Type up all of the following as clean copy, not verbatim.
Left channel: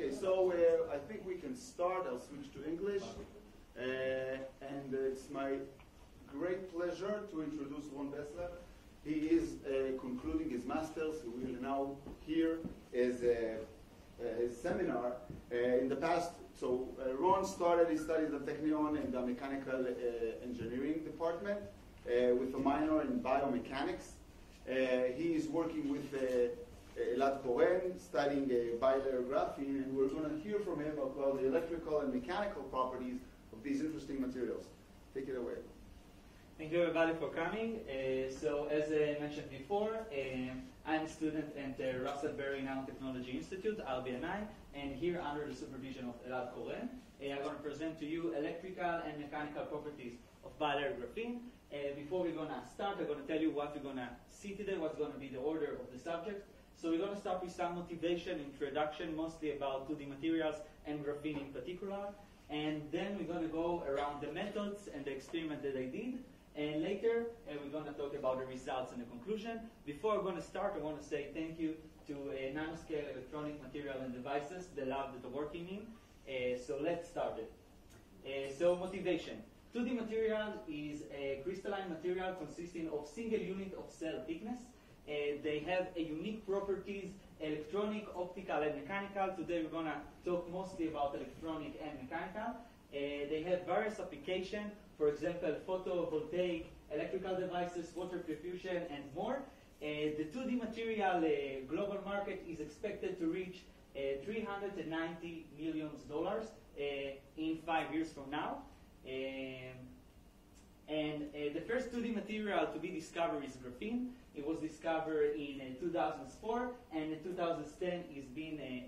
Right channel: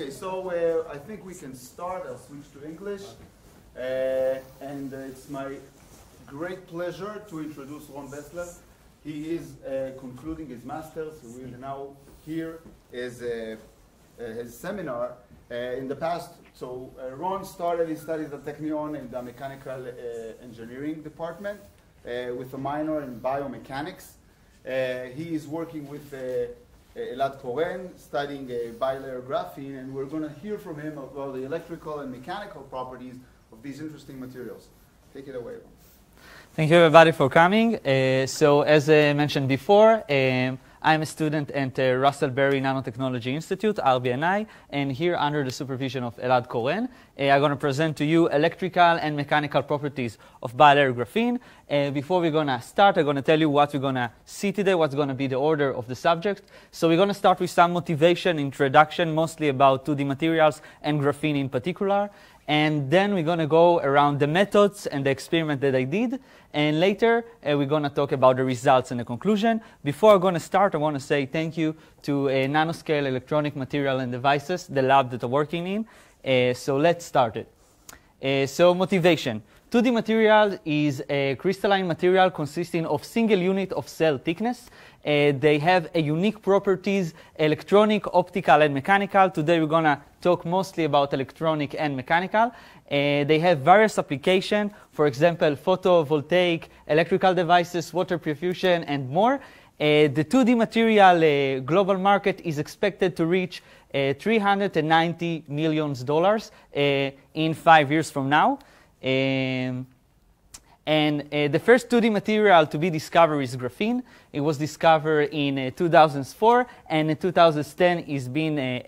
Okay, so I think we can start. I'll switch to English. And it's my great pleasure to introduce Ron Bessler. He is concluding his master's. We will now hear his seminar. In the past, so Ron started his studies at Technion in the mechanical engineering department with a minor in biomechanics. He is working with Elad Koren, studying Bilayer Graphene, and we're going to hear from him about the electrical and mechanical properties of these interesting materials. Take it away. Thank you, everybody, for coming. So as I mentioned before, I'm a student at Russell Berry Nanotechnology Institute, RBNI, and here under the supervision of Elad Koren, I'm going to present to you electrical and mechanical properties of bilayer graphene. Before we're going to start, I'm going to tell you what we're going to see today, what's going to be the order of the subject. So we're going to start with some motivation, introduction, mostly about 2D materials and graphene in particular. And then we're going to go around the methods and the experiment that I did. And later, we're going to talk about the results and the conclusion. Before I'm going to start, I want to say thank you to Nanoscale Electronic Material and Devices, the lab that I'm working in. So let's start it. So motivation. 2D material is a crystalline material consisting of single unit of cell thickness. They have a unique properties, electronic, optical, and mechanical. Today we're going to talk mostly about electronic and mechanical. They have various applications, for example, photovoltaic, electrical devices, water perfusion, and more. The 2D material global market is expected to reach $390 million in 5 years from now. And the first 2D material to be discovered is graphene. It was discovered in 2004, and in 2010 is been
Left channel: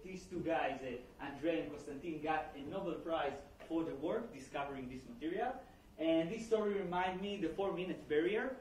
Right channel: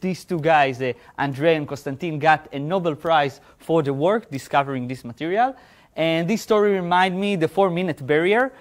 these two guys, Andrei and Constantin, got a Nobel Prize for the work discovering this material. And this story reminds me the 4-minute barrier.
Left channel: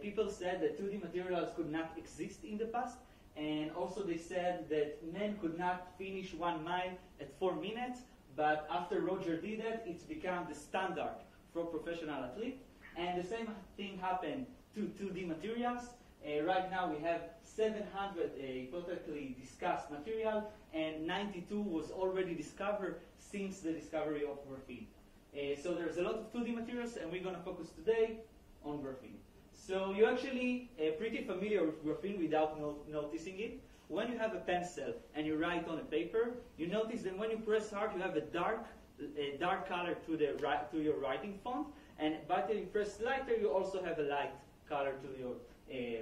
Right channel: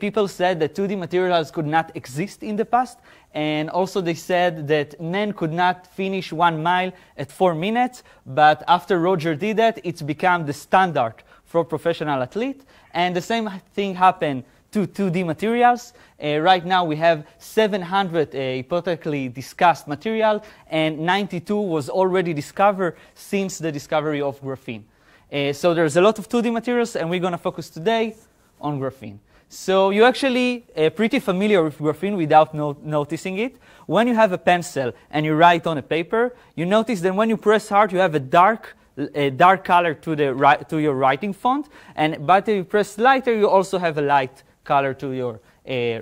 People said that 2D materials could not exist in the past, and also they said that men could not finish 1 mile at 4 minutes. But after Roger did that, it's become the standard for professional athlete. And the same thing happened to 2D materials. Right now we have 700 hypothetically discussed material, and 92 was already discovered since the discovery of graphene. So there's a lot of 2D materials, and we're going to focus today on graphene. So you're actually pretty familiar with graphene without noticing it. When you have a pencil and you write on a paper, you notice that when you press hard, you have a dark color to your writing font, but if you press lighter, you also have a light color to your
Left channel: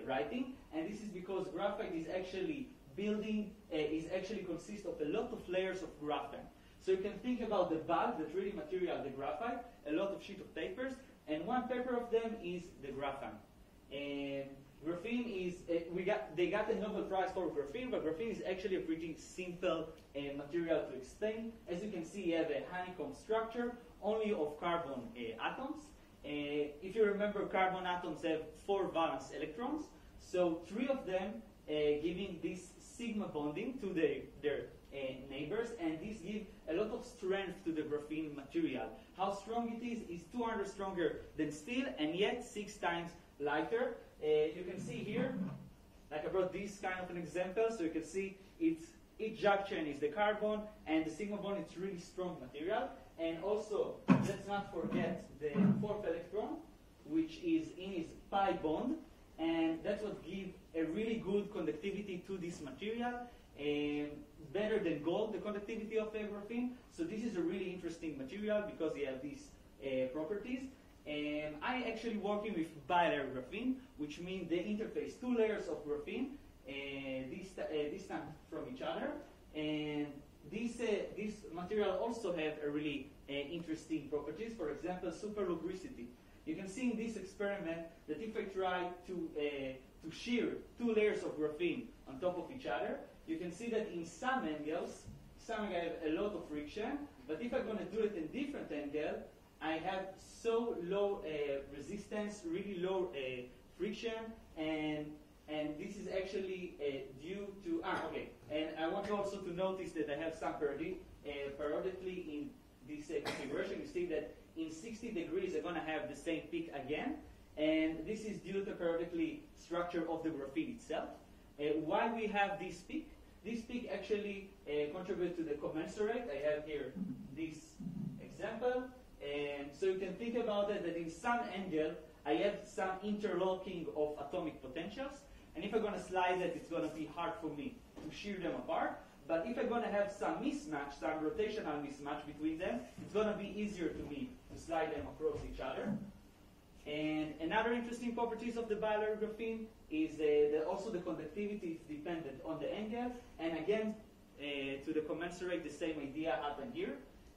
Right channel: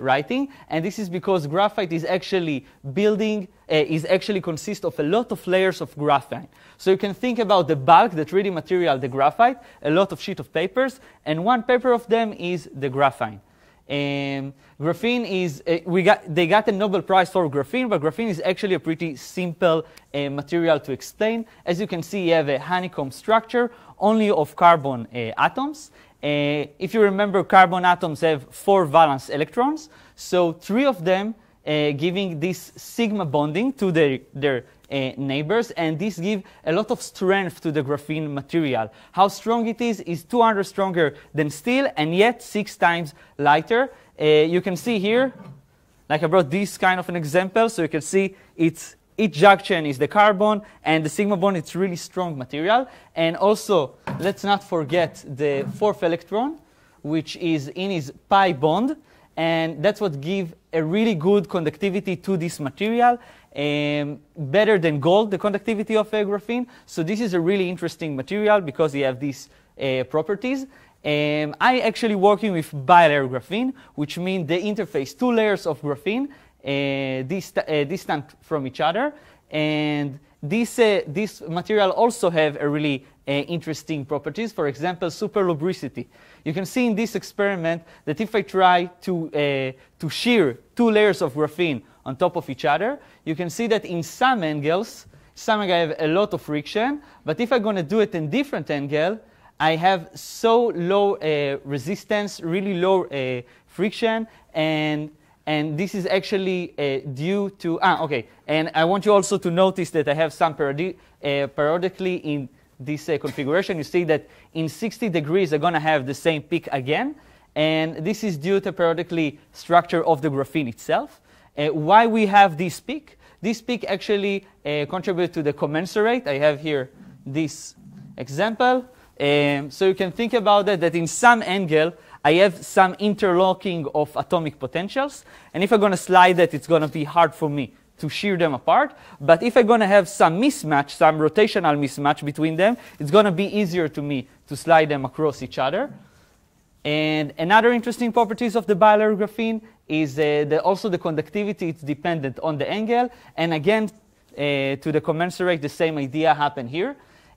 writing. And this is because graphite is actually consists of a lot of layers of graphene. So you can think about the bulk, the 3D material, the graphite, a lot of sheet of papers, and one paper of them is the graphene. Graphene is, they got a Nobel Prize for graphene, but graphene is actually a pretty simple material to explain. As you can see, you have a honeycomb structure only of carbon atoms. If you remember, carbon atoms have 4 valence electrons, so 3 of them giving this sigma bonding to their neighbors, and this gives a lot of strength to the graphene material. How strong it is 200 stronger than steel, and yet 6 times lighter. You can see here, like I brought this kind of an example, so you can see each junction is the carbon, and the sigma bond, it's really strong material. And also, let's not forget the 4th electron, which is in his pi bond, and that's what gives a really good conductivity to this material, better than gold, the conductivity of graphene. So this is a really interesting material because you have these properties. I actually working with bilayer graphene, which means they interface 2 layers of graphene distant from each other. And this material also have a really interesting properties. For example, super lubricity. You can see in this experiment that if I try to shear 2 layers of graphene on top of each other, you can see that in some angles, I have a lot of friction. But if I'm going to do it in different angle, I have so low resistance, really low friction, and this is actually due to okay. And I want you also to notice that I have some periodically in this configuration. You see that in 60 degrees, I'm going to have the same peak again, and this is due to periodically structure of the graphene itself. Why we have this peak? This peak actually contributes to the commensurate. I have here this example. So you can think about it that in some angle, I have some interlocking of atomic potentials. And if I'm going to slide that, it's going to be hard for me to shear them apart. But if I'm going to have some mismatch, some rotational mismatch between them, it's going to be easier to me to slide them across each other. And another interesting properties of the bilayer graphene is also the conductivity. It's dependent on the angle. And again, to the commensurate, the same idea happened here.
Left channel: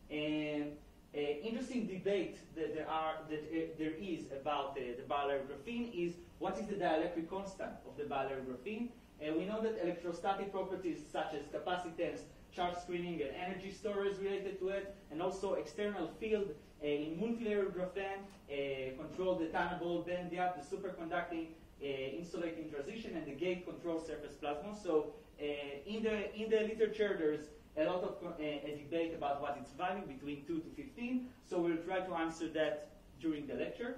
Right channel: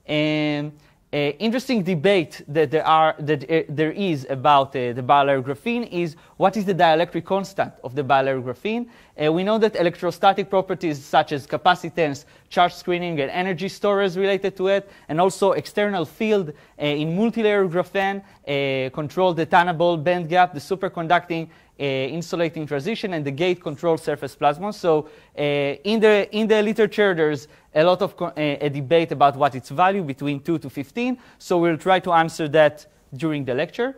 And interesting debate that there is about the bilayer graphene is what is the dielectric constant of the bilayer graphene. We know that electrostatic properties such as capacitance, charge screening, and energy storage related to it, and also external field in multilayer graphene control the tunnable band gap, the superconducting insulating transition, and the gate control surface plasma. So in the literature, there's a lot of a debate about what its value between 2 to 15. So we'll try to answer that during the lecture.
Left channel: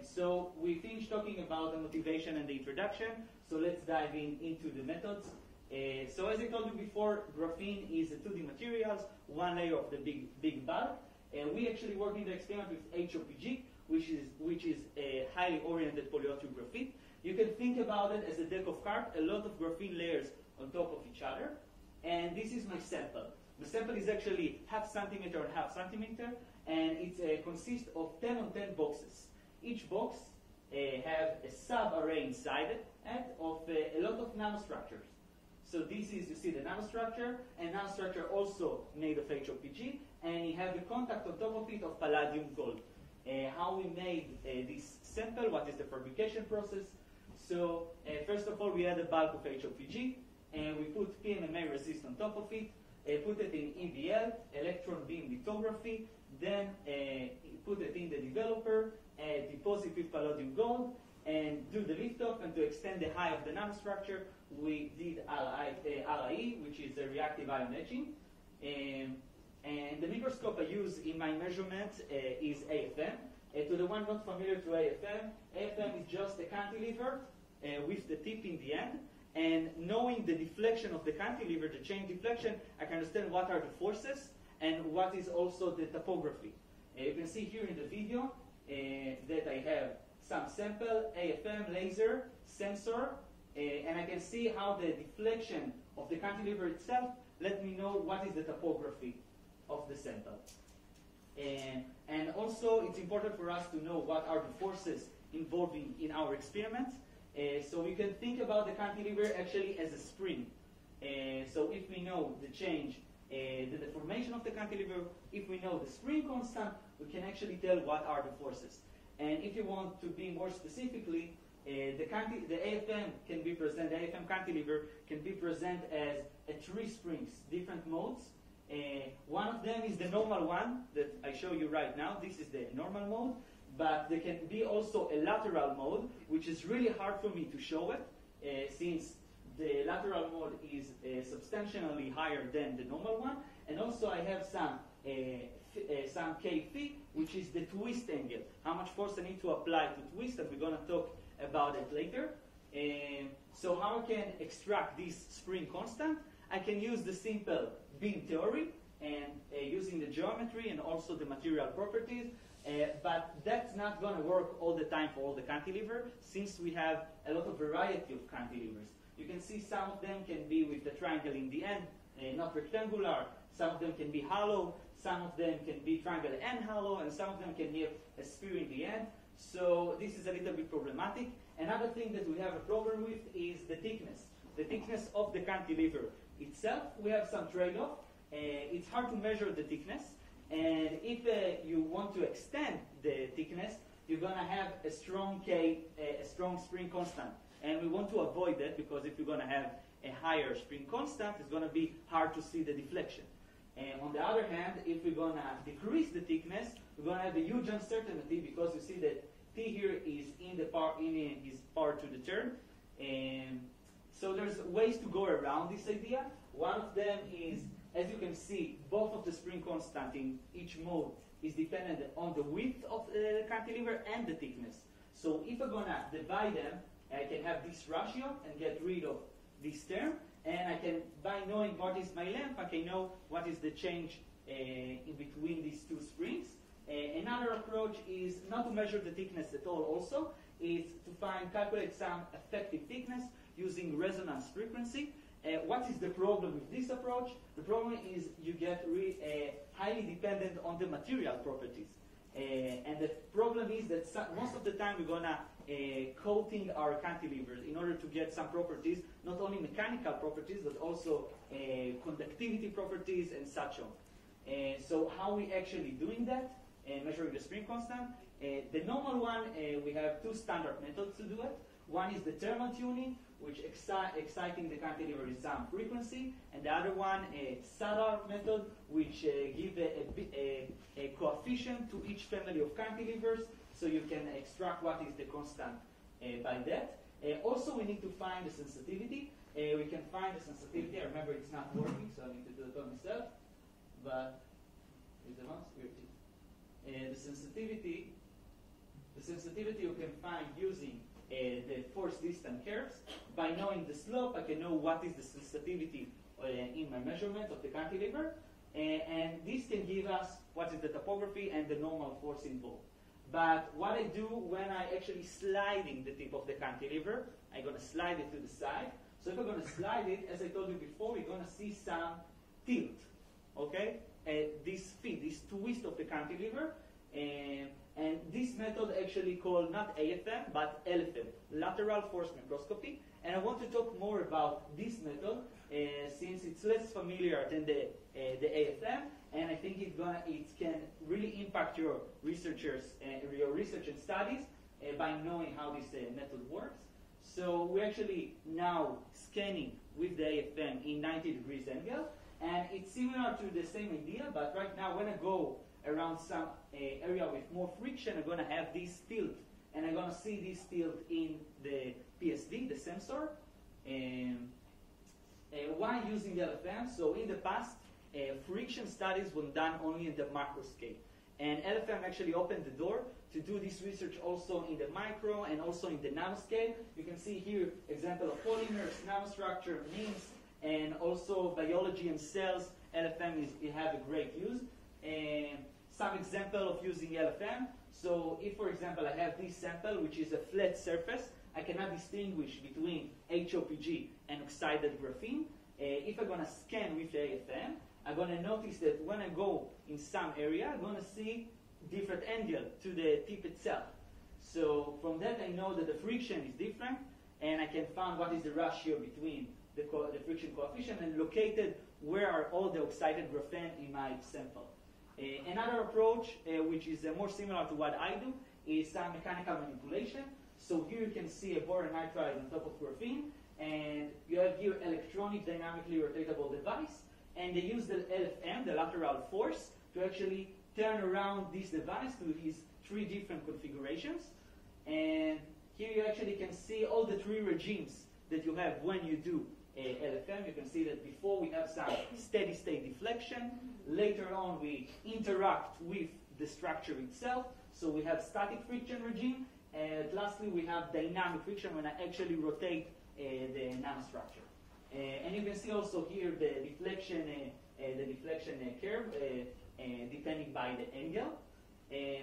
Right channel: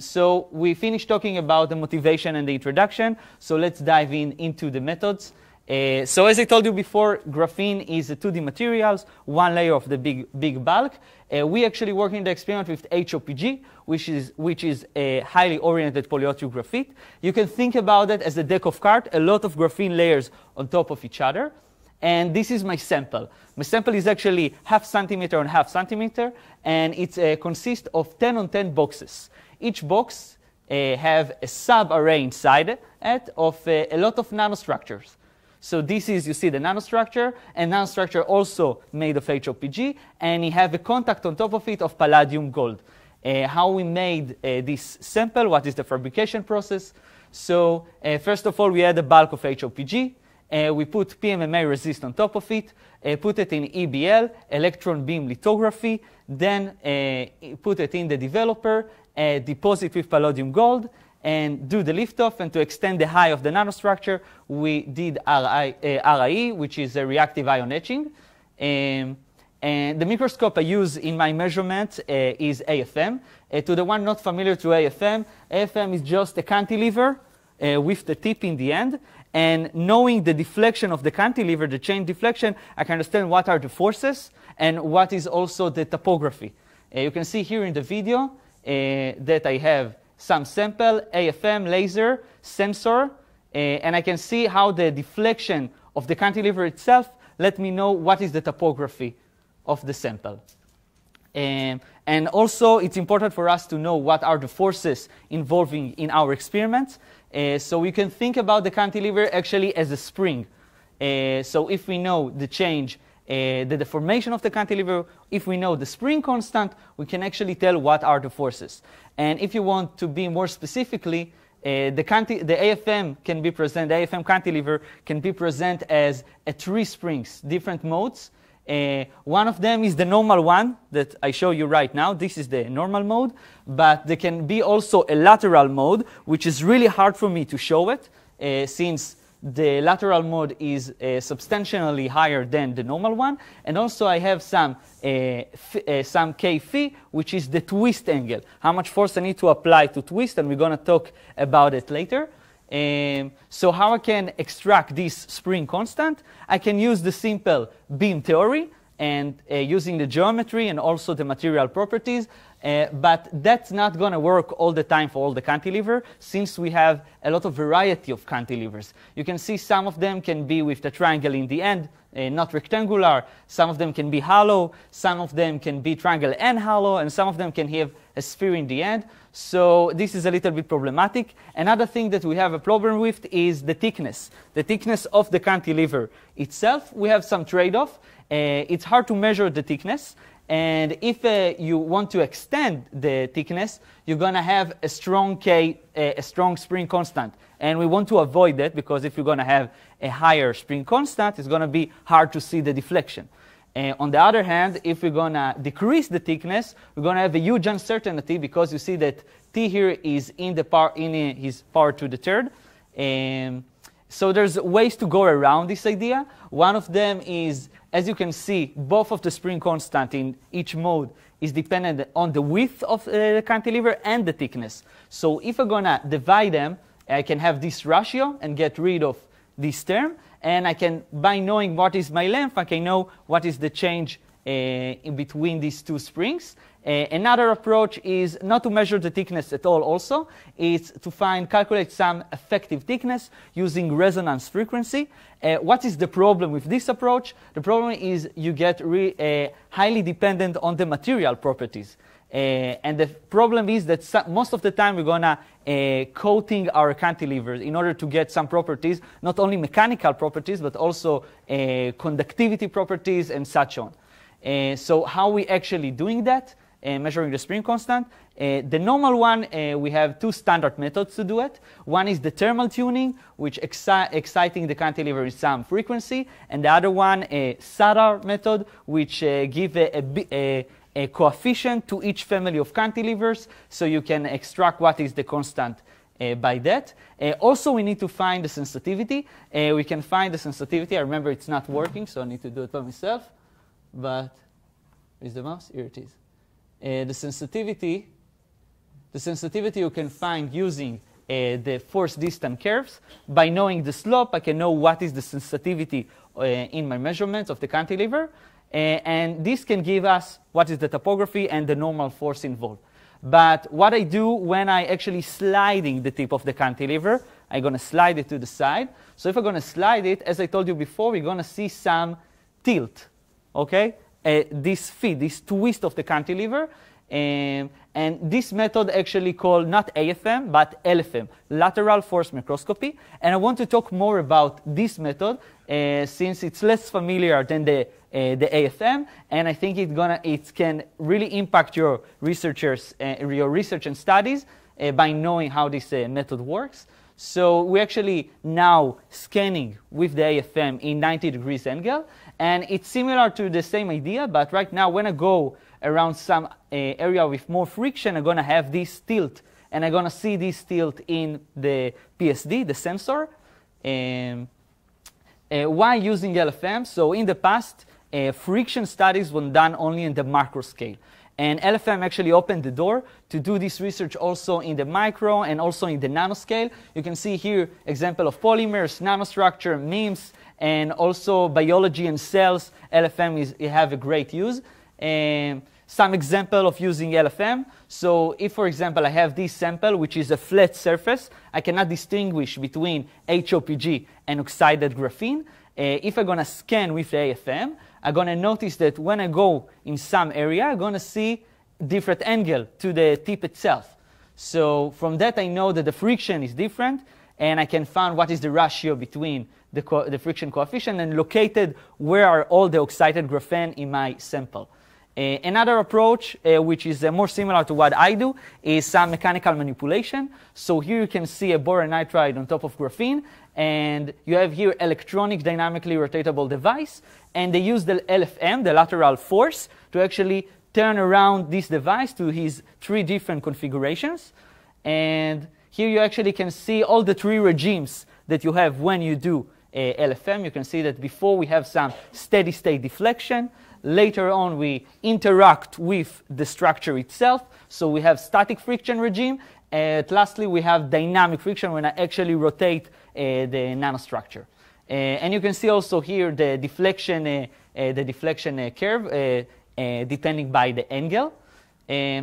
So we finished talking about the motivation and the introduction. So let's dive into the methods. So as I told you before, graphene is a 2D materials, one layer of the big bulk. We actually work in the experiment with HOPG, which is a highly oriented polyolefin graphite. You can think about it as a deck of cards, a lot of graphene layers on top of each other. And this is my sample. My sample is actually 0.5 centimeter on 0.5 centimeter, and it consists of 10 on 10 boxes. Each box have a sub-array inside it of a lot of nanostructures. So this is, you see, the nanostructure, and nanostructure also made of HOPG, and you have a contact on top of it of palladium gold. How we made this sample, what is the fabrication process? So first of all, we had a bulk of HOPG. We put PMMA resist on top of it, put it in EBL, electron beam lithography, then put it in the developer, deposit with palladium gold, and do the liftoff. And to extend the high of the nanostructure, we did RIE, which is a reactive ion etching. And the microscope I use in my measurement is AFM. To the one not familiar to AFM, AFM is just a cantilever with the tip in the end. And knowing the deflection of the cantilever, the chain deflection, I can understand what are the forces and what is also the topography. You can see here in the video that I have some sample, AFM, laser, sensor, and I can see how the deflection of the cantilever itself let me know what is the topography of the sample. And also, it's important for us to know what are the forces involving in our experiments. So we can think about the cantilever actually as a spring. So if we know the change, the deformation of the cantilever, if we know the spring constant, we can actually tell what are the forces. And if you want to be more specifically, the AFM can be present, the AFM cantilever can be present as 3 springs, different modes. One of them is the normal one that I show you right now. This is the normal mode. But there can be also a lateral mode, which is really hard for me to show it, since the lateral mode is substantially higher than the normal one. And also I have some K phi, which is the twist angle, how much force I need to apply to twist, and we're going to talk about it later. So how I can extract this spring constant? I can use the simple beam theory and using the geometry and also the material properties. But that's not going to work all the time for all the cantilever, since we have a lot of variety of cantilevers. You can see some of them can be with the triangle in the end, not rectangular. Some of them can be hollow. Some of them can be triangle and hollow. And some of them can have a sphere in the end. So this is a little bit problematic. Another thing that we have a problem with is the thickness of the cantilever itself. We have some trade-off. It's hard to measure the thickness. And if you want to extend the thickness, you're going to have a strong spring constant. And we want to avoid that, because if you're going to have a higher spring constant, it's going to be hard to see the deflection. On the other hand, if we're going to decrease the thickness, we're going to have a huge uncertainty, because you see that T here is in his power to the third. So there's ways to go around this idea. One of them is, as you can see, both of the spring constant in each mode is dependent on the width of the cantilever and the thickness. So if I'm going to divide them, I can have this ratio and get rid of this term. and I can, by knowing what is my length, I can know what is the change in between these two springs. Another approach is not to measure the thickness at all also. It's to calculate some effective thickness using resonance frequency. What is the problem with this approach? The problem is you get highly dependent on the material properties. And the problem is that most of the time we're going to coating our cantilevers in order to get some properties, not only mechanical properties, but also conductivity properties and such on. So how are we actually doing that? Measuring the spring constant. The normal one, we have two standard methods to do it. One is the thermal tuning, which exciting the cantilever with some frequency, and the other one, a SADAR method, which give a coefficient to each family of cantilevers, so you can extract what is the constant by that. Also, we need to find the sensitivity. We can find the sensitivity. I remember it's not working, so I need to do it by myself. But is the mouse? Here it is. The sensitivity you can find using the force distance curves. By knowing the slope, I can know what is the sensitivity in my measurements of the cantilever. And this can give us what is the topography and the normal force involved. But what I do when I actually sliding the tip of the cantilever, I'm going to slide it to the side. So if I'm going to slide it, as I told you before, we're going to see some tilt. Okay? This feed, this twist of the cantilever, and this method actually called not AFM but LFM, lateral force microscopy. And I want to talk more about this method since it's less familiar than the AFM, and I think it can really impact your research and studies by knowing how this method works. So we're actually now scanning with the AFM in 90 degrees angle. And it's similar to the same idea, but right now when I go around some area with more friction, I'm going to have this tilt. And I'm going to see this tilt in the PSD, the sensor. Why using LFM? So in the past, friction studies were done only in the macro scale. And LFM actually opened the door to do this research also in the micro and also in the nanoscale. You can see here example of polymers, nanostructure, memes, and also biology and cells. LFM have a great use. Some example of using LFM. So if, for example, I have this sample, which is a flat surface, I cannot distinguish between HOPG and oxided graphene. If I'm going to scan with the AFM, I'm going to notice that when I go in some area, I'm going to see different angle to the tip itself. So from that, I know that the friction is different, and I can find what is the ratio between the friction coefficient and located where are all the oxided graphene in my sample. Another approach, which is more similar to what I do, is some mechanical manipulation. So here you can see a boron nitride on top of graphene, and you have here electronic dynamically rotatable device, and they use the LFM, the lateral force, to actually turn around this device to his 3 different configurations. And here you actually can see all the 3 regimes that you have when you do LFM. You can see that before we have some steady state deflection. Later on, we interact with the structure itself. So we have static friction regime. And lastly, we have dynamic friction when I actually rotate the nanostructure. And you can see also here the deflection curve depending by the angle.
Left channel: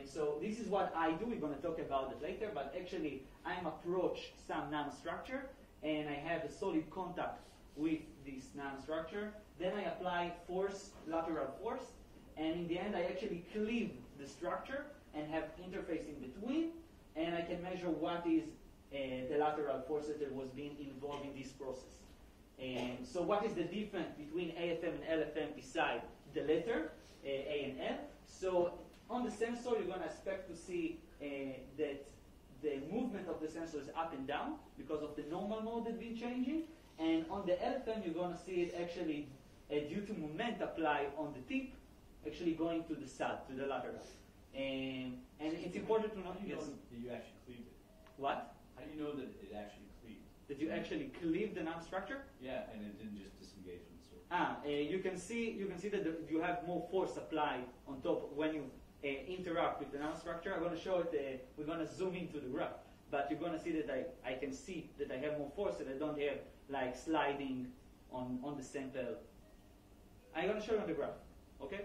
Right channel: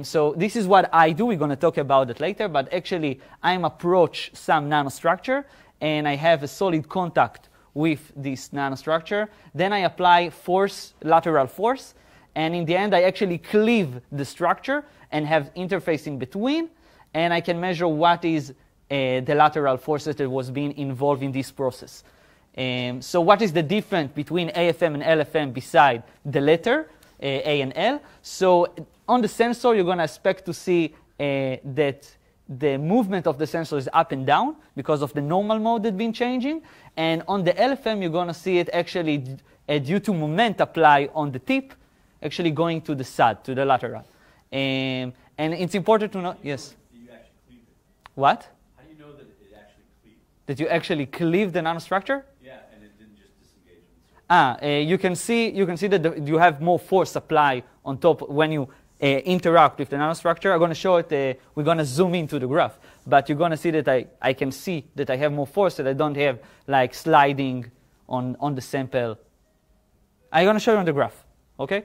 So this is what I do. We're going to talk about it later. But actually, I'm approach some nanostructure, and I have a solid contact with this nanostructure. Then I apply force, lateral force, and in the end I actually cleave the structure and have interface in between, and I can measure what is the lateral forces that was being involved in this process. So what is the difference between AFM and LFM beside the letter A and L? So on the sensor you're going to expect to see that the movement of the sensor is up and down because of the normal mode that's been changing. And on the LFM, you're going to see it actually due to moment apply on the tip, actually going to the side, to the lateral. And it's important to know, yes? That you actually cleaved it. What? How do you know that it actually cleaved? That you actually cleave the nanostructure? Yeah, and it didn't just disengage on the surface. You can see that you have more force apply on top when you interact with the nanostructure. I'm going to show it, we're going to zoom into the graph. But you're going to see that I can see that I have more force, that I don't have like sliding on the sample. I'm going to show you on the graph. Okay,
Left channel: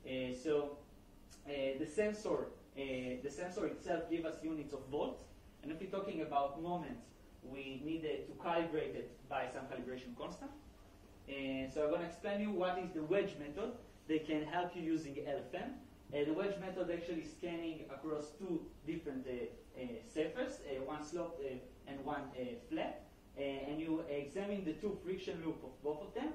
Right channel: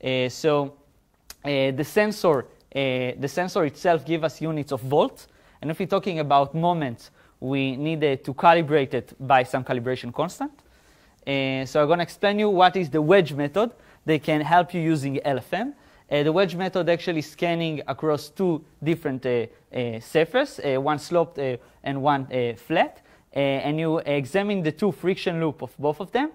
the sensor itself gives us units of volts, and if we're talking about moments, we need to calibrate it by some calibration constant. So I'm going to explain you what is the wedge method. They can help you using LFM. The wedge method actually scanning across two different surfaces, one sloped and one flat, and you examine the two friction loop of both of them.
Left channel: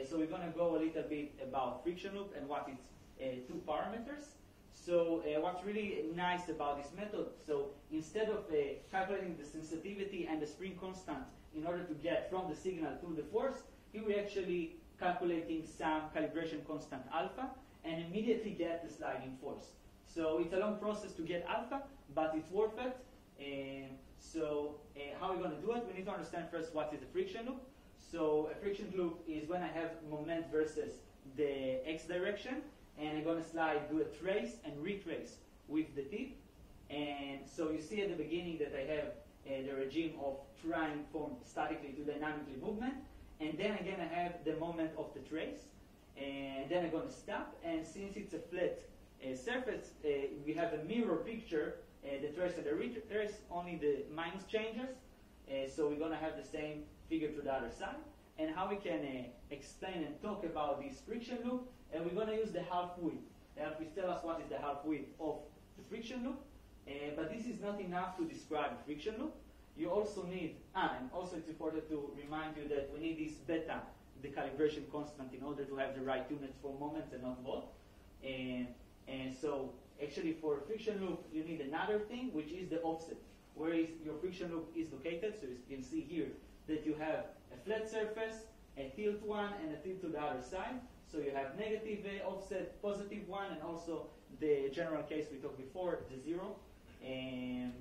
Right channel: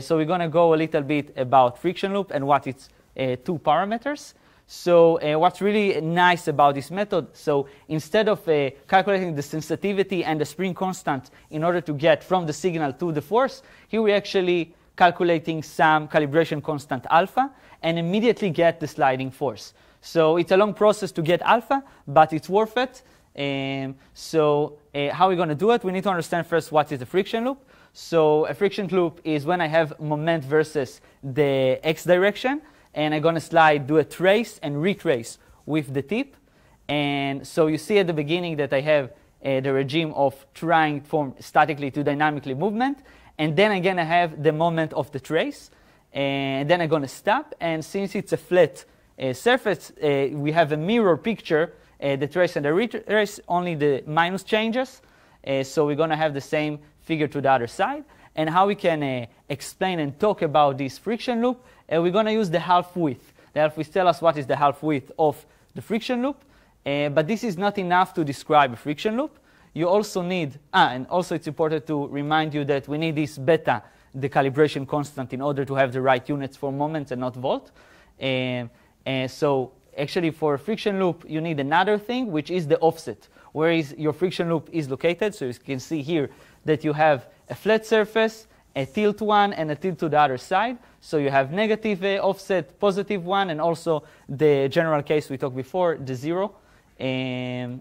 So we're going to go a little bit about friction loop and what its two parameters. So what's really nice about this method, so instead of calculating the sensitivity and the spring constant in order to get from the signal to the force, here we're actually calculating some calibration constant alpha and immediately get the sliding force. So it's a long process to get alpha, but it's worth it. How are we going to do it? We need to understand first what is a friction loop. So a friction loop is when I have moment versus the x direction, and I'm going to do a trace and retrace with the tip. And so you see at the beginning that I have the regime of trying from statically to dynamically movement. And then again, I have the moment of the trace. And then I'm going to stop. And since it's a flat surface, we have a mirror picture, the trace and the retrace, only the minus changes. So we're going to have the same figure to the other side. And how we can explain and talk about this friction loop, we're going to use the half width. The half width tells us what is the half width of the friction loop. But this is not enough to describe a friction loop. You also need, and also it's important to remind you that we need this beta, the calibration constant, in order to have the right units for moments and not volt. So actually for a friction loop, you need another thing, which is the offset, where your friction loop is located. So you can see here that you have a flat surface, a tilt one, and a tilt to the other side. So you have negative offset, positive one, and also the general case we talked before, the 0. And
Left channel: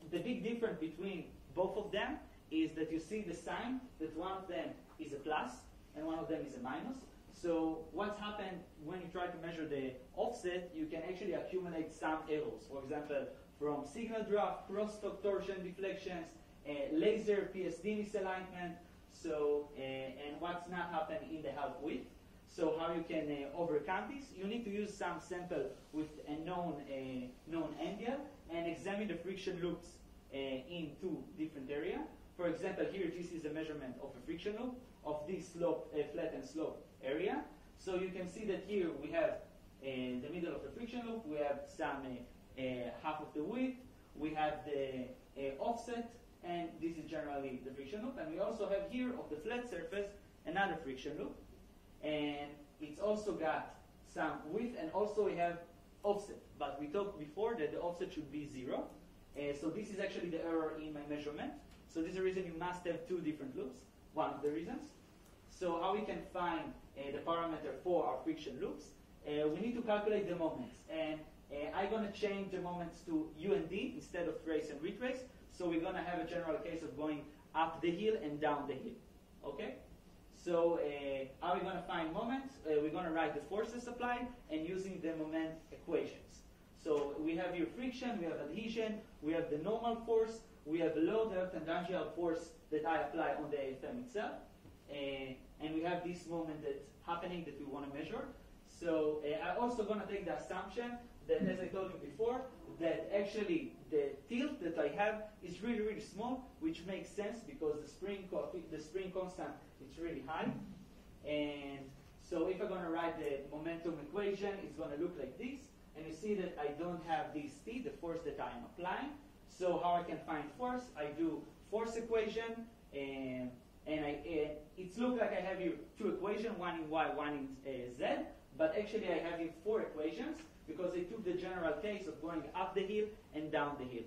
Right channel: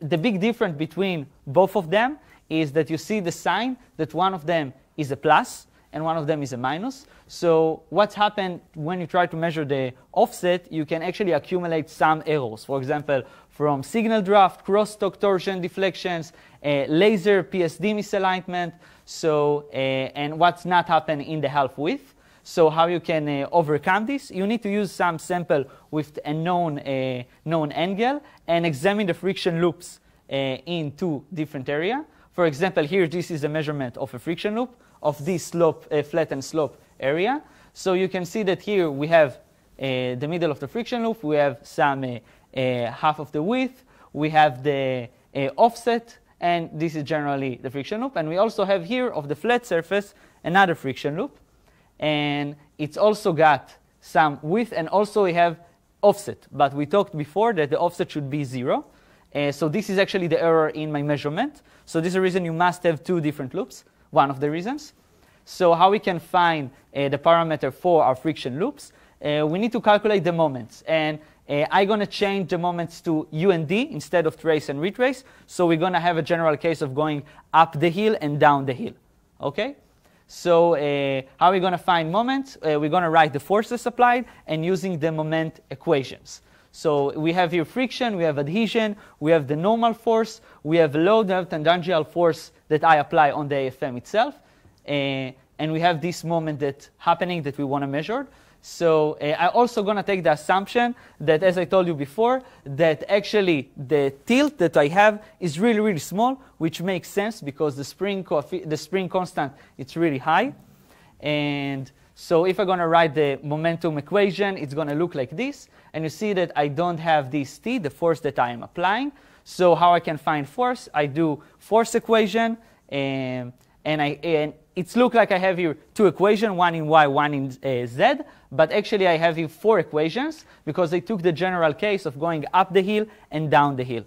the big difference between both of them is that you see the sign that one of them is a plus and one of them is a minus. So what's happened when you try to measure the offset, you can actually accumulate some errors. For example, from signal draft, crosstalk torsion deflections, laser PSD misalignment. So and what's not happened in the half width. So how you can overcome this? You need to use some sample with a known angle and examine the friction loops in two different areas. For example, here this is a measurement of a friction loop of this slope, flattened slope area. So you can see that here we have the middle of the friction loop. We have some half of the width. We have the offset, and this is generally the friction loop. And we also have here of the flat surface another friction loop. And it's also got some width, and also we have offset. But we talked before that the offset should be 0. So this is actually the error in my measurement. So this is the reason you must have two different loops, one of the reasons. So how we can find the parameter for our friction loops? We need to calculate the moments. And I'm going to change the moments to U and D instead of trace and retrace. So we're going to have a general case of going up the hill and down the hill. Okay? So how are we going to find moments? We're going to write the forces applied and using the moment equations. So we have here friction, we have adhesion, we have the normal force, we have load, we have tangential force that I apply on the AFM itself. And we have this moment that's happening that we want to measure. So I'm also going to take the assumption that, as I told you before, that actually the tilt that I have is really, really small, which makes sense because the spring constant, it's really high. And so if I'm going to write the momentum equation, it's going to look like this. And you see that I don't have this T, the force that I am applying. So how I can find force? I do force equation, and it looks like I have here two equations, one in Y, one in Z. But actually, I have here 4 equations because I took the general case of going up the hill and down the hill.